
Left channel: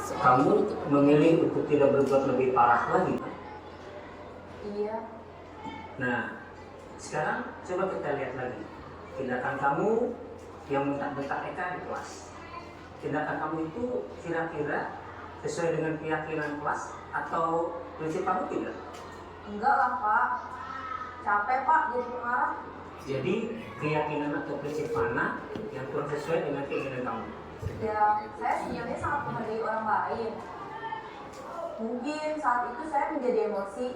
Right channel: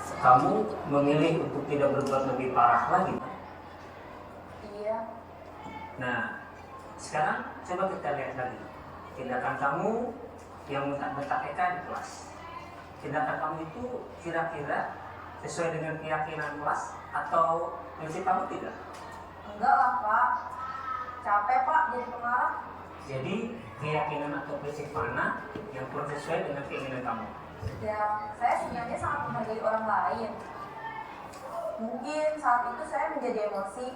Kamu memilih untuk tidak berbuat lebih parah lagi. Iya. Nah, sekarang coba kita lihat lagi tindakan kamu yang bentak-bentak Eka di kelas. Tindakan kamu itu kira-kira sesuai dengan keyakinan kelas atau prinsip kamu tidak? Enggak lah Pak. Capek Pak jadi marah. Jadi keyakinan atau prinsip mana yang kurang sesuai dengan keinginan kamu? Ya, saya sebenarnya sangat menghargai orang lain. Mungkin saat itu saya menjadi emosi,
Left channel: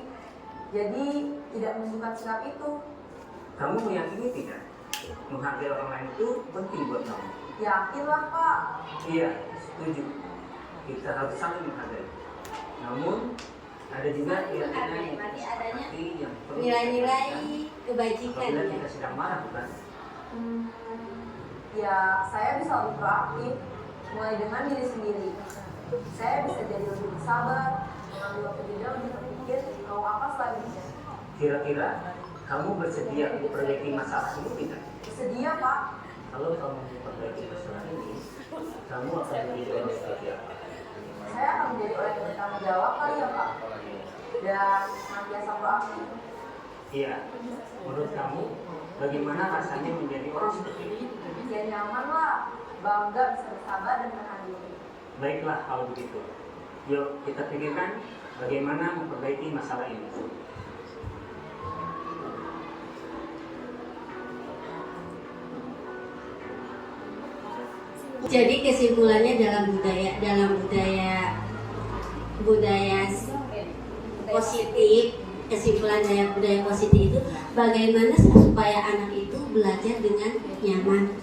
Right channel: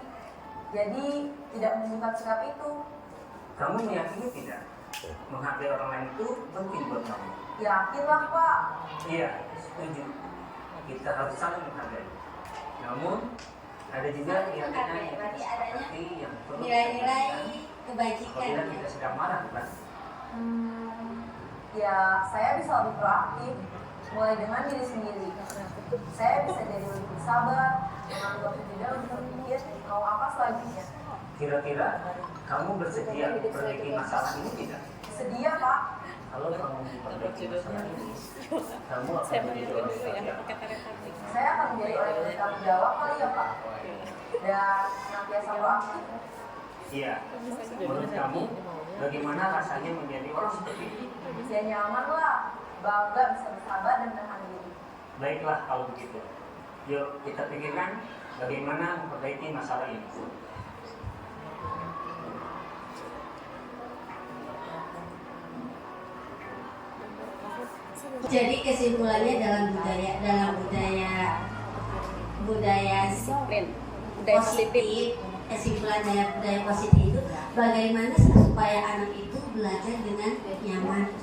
jadi tidak menyimpan sikap itu. Kamu meyakini tidak? Menghargai orang lain itu penting buat kamu? Yakinlah Pak. Iya, setuju. Kita harus saling menghargai. Namun ada juga menghargai berarti adanya yang nilai-nilai kebajikan. Apabila kita sedang marah, bukan? Ya, saya bisa lebih proaktif, mulai dengan diri sendiri. Saya bisa jadi lebih bersabar, menganggap jeda untuk berpikir mau apa selanjutnya. Kira-kira kamu bersedia memperbaiki masalah ini tidak? Sedia Pak. Kalau kamu memperbaiki masalah ini, kamu akan menjadi orang seperti apa? Saya akan menjadi orang yang bertanggung jawab kali ya Pak. Dan senantiasa proaktif. Iya. Menurut kamu, bagaimana rasanya menjadi orang seperti itu? Ya nyaman lah, bangga bisa bersabar dan menahan diri. Baiklah kalau begitu. Yuk kita pikirkan bagaimana memperbaiki masalah ini. Jadi kesimpulannya dalam budaya positif, kesimpulan dari budaya positif itu bagaimana supaya anak itu belajar dengan nyaman.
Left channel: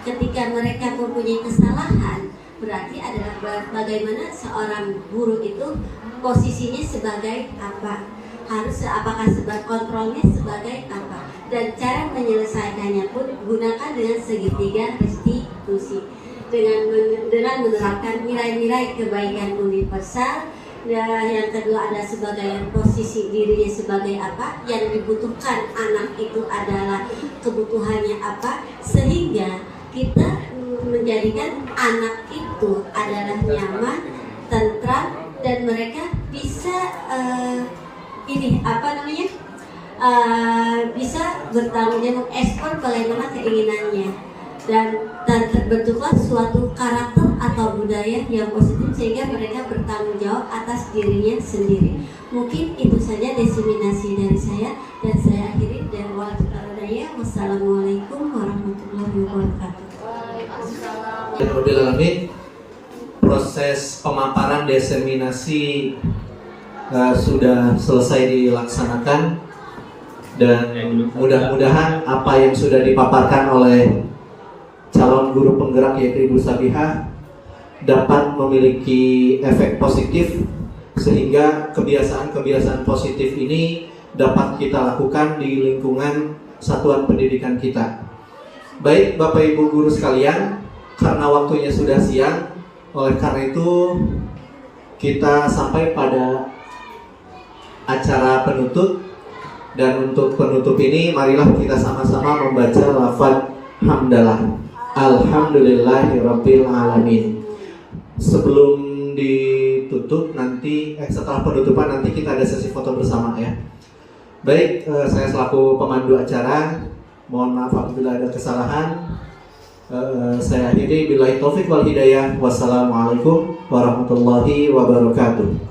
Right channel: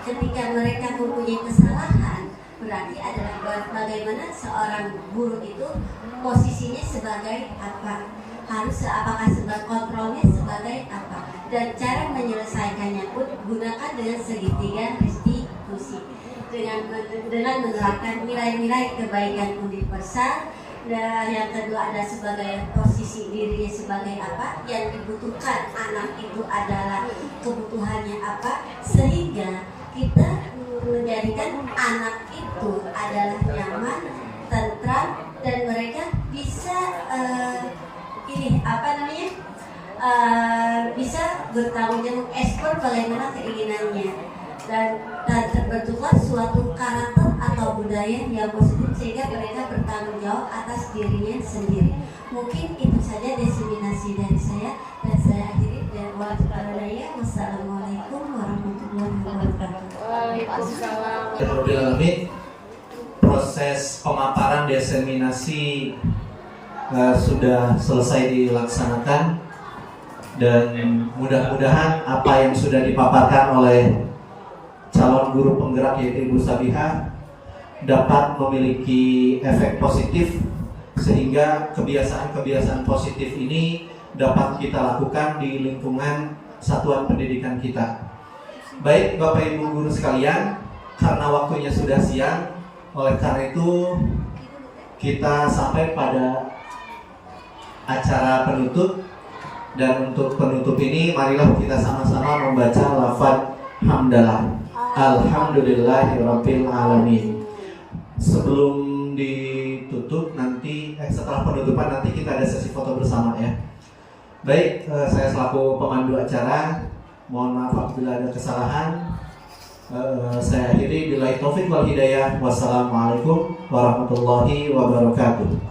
Ketika mereka mempunyai kesalahan, berarti adalah bagaimana seorang guru itu posisinya sebagai apa, apakah sebagai kontrolnya sebagai apa, dan cara menyelesaikannya pun gunakan dengan segitiga restitusi dengan menerapkan nilai-nilai kebaikan universal. Dan yang kedua ada sebagai posisi dirinya sebagai apa, yang dibutuhkan anak itu adalah kebutuhannya apa, sehingga kita menjadikan anak itu adalah nyaman, tentram, dan mereka bisa bisa bertanggung jawab, ekspor bagaimana keinginannya, dan terbentuklah suatu karakter atau budaya yang positif sehingga mereka bertanggung jawab atas dirinya sendiri. Mungkin itu saja diseminasi dari saya, dan saya akhiri dan wassalamualaikum warahmatullahi wabarakatuh. Proses pemaparan diseminasi sudah selesai dilaksanakan, dan mudah-mudahan apa yang sudah dipaparkan oleh calon guru penggerak yaitu Ibu Sabihah dapat memiliki efek positif, sehingga kebiasaan-kebiasaan positif ini dapat kita lakukan di lingkungan satuan pendidikan kita. Baik Bapak Ibu guru sekalian, karena waktunya sudah siang, oleh karena itu kita sampai pada acara penutup, dan untuk penutup ini marilah kita sama-sama membaca lafaz hamdalah. Alhamdulillahirabbil alamin. Sebelum ditutup nanti setelah penutupan nanti kita ada sesi foto bersama ya. Baik, saya selaku pemandu acara mohon maaf apabila ada kesalahan. Saya akhiri billahi taufik wal hidayah. Wassalamualaikum warahmatullahi wabarakatuh.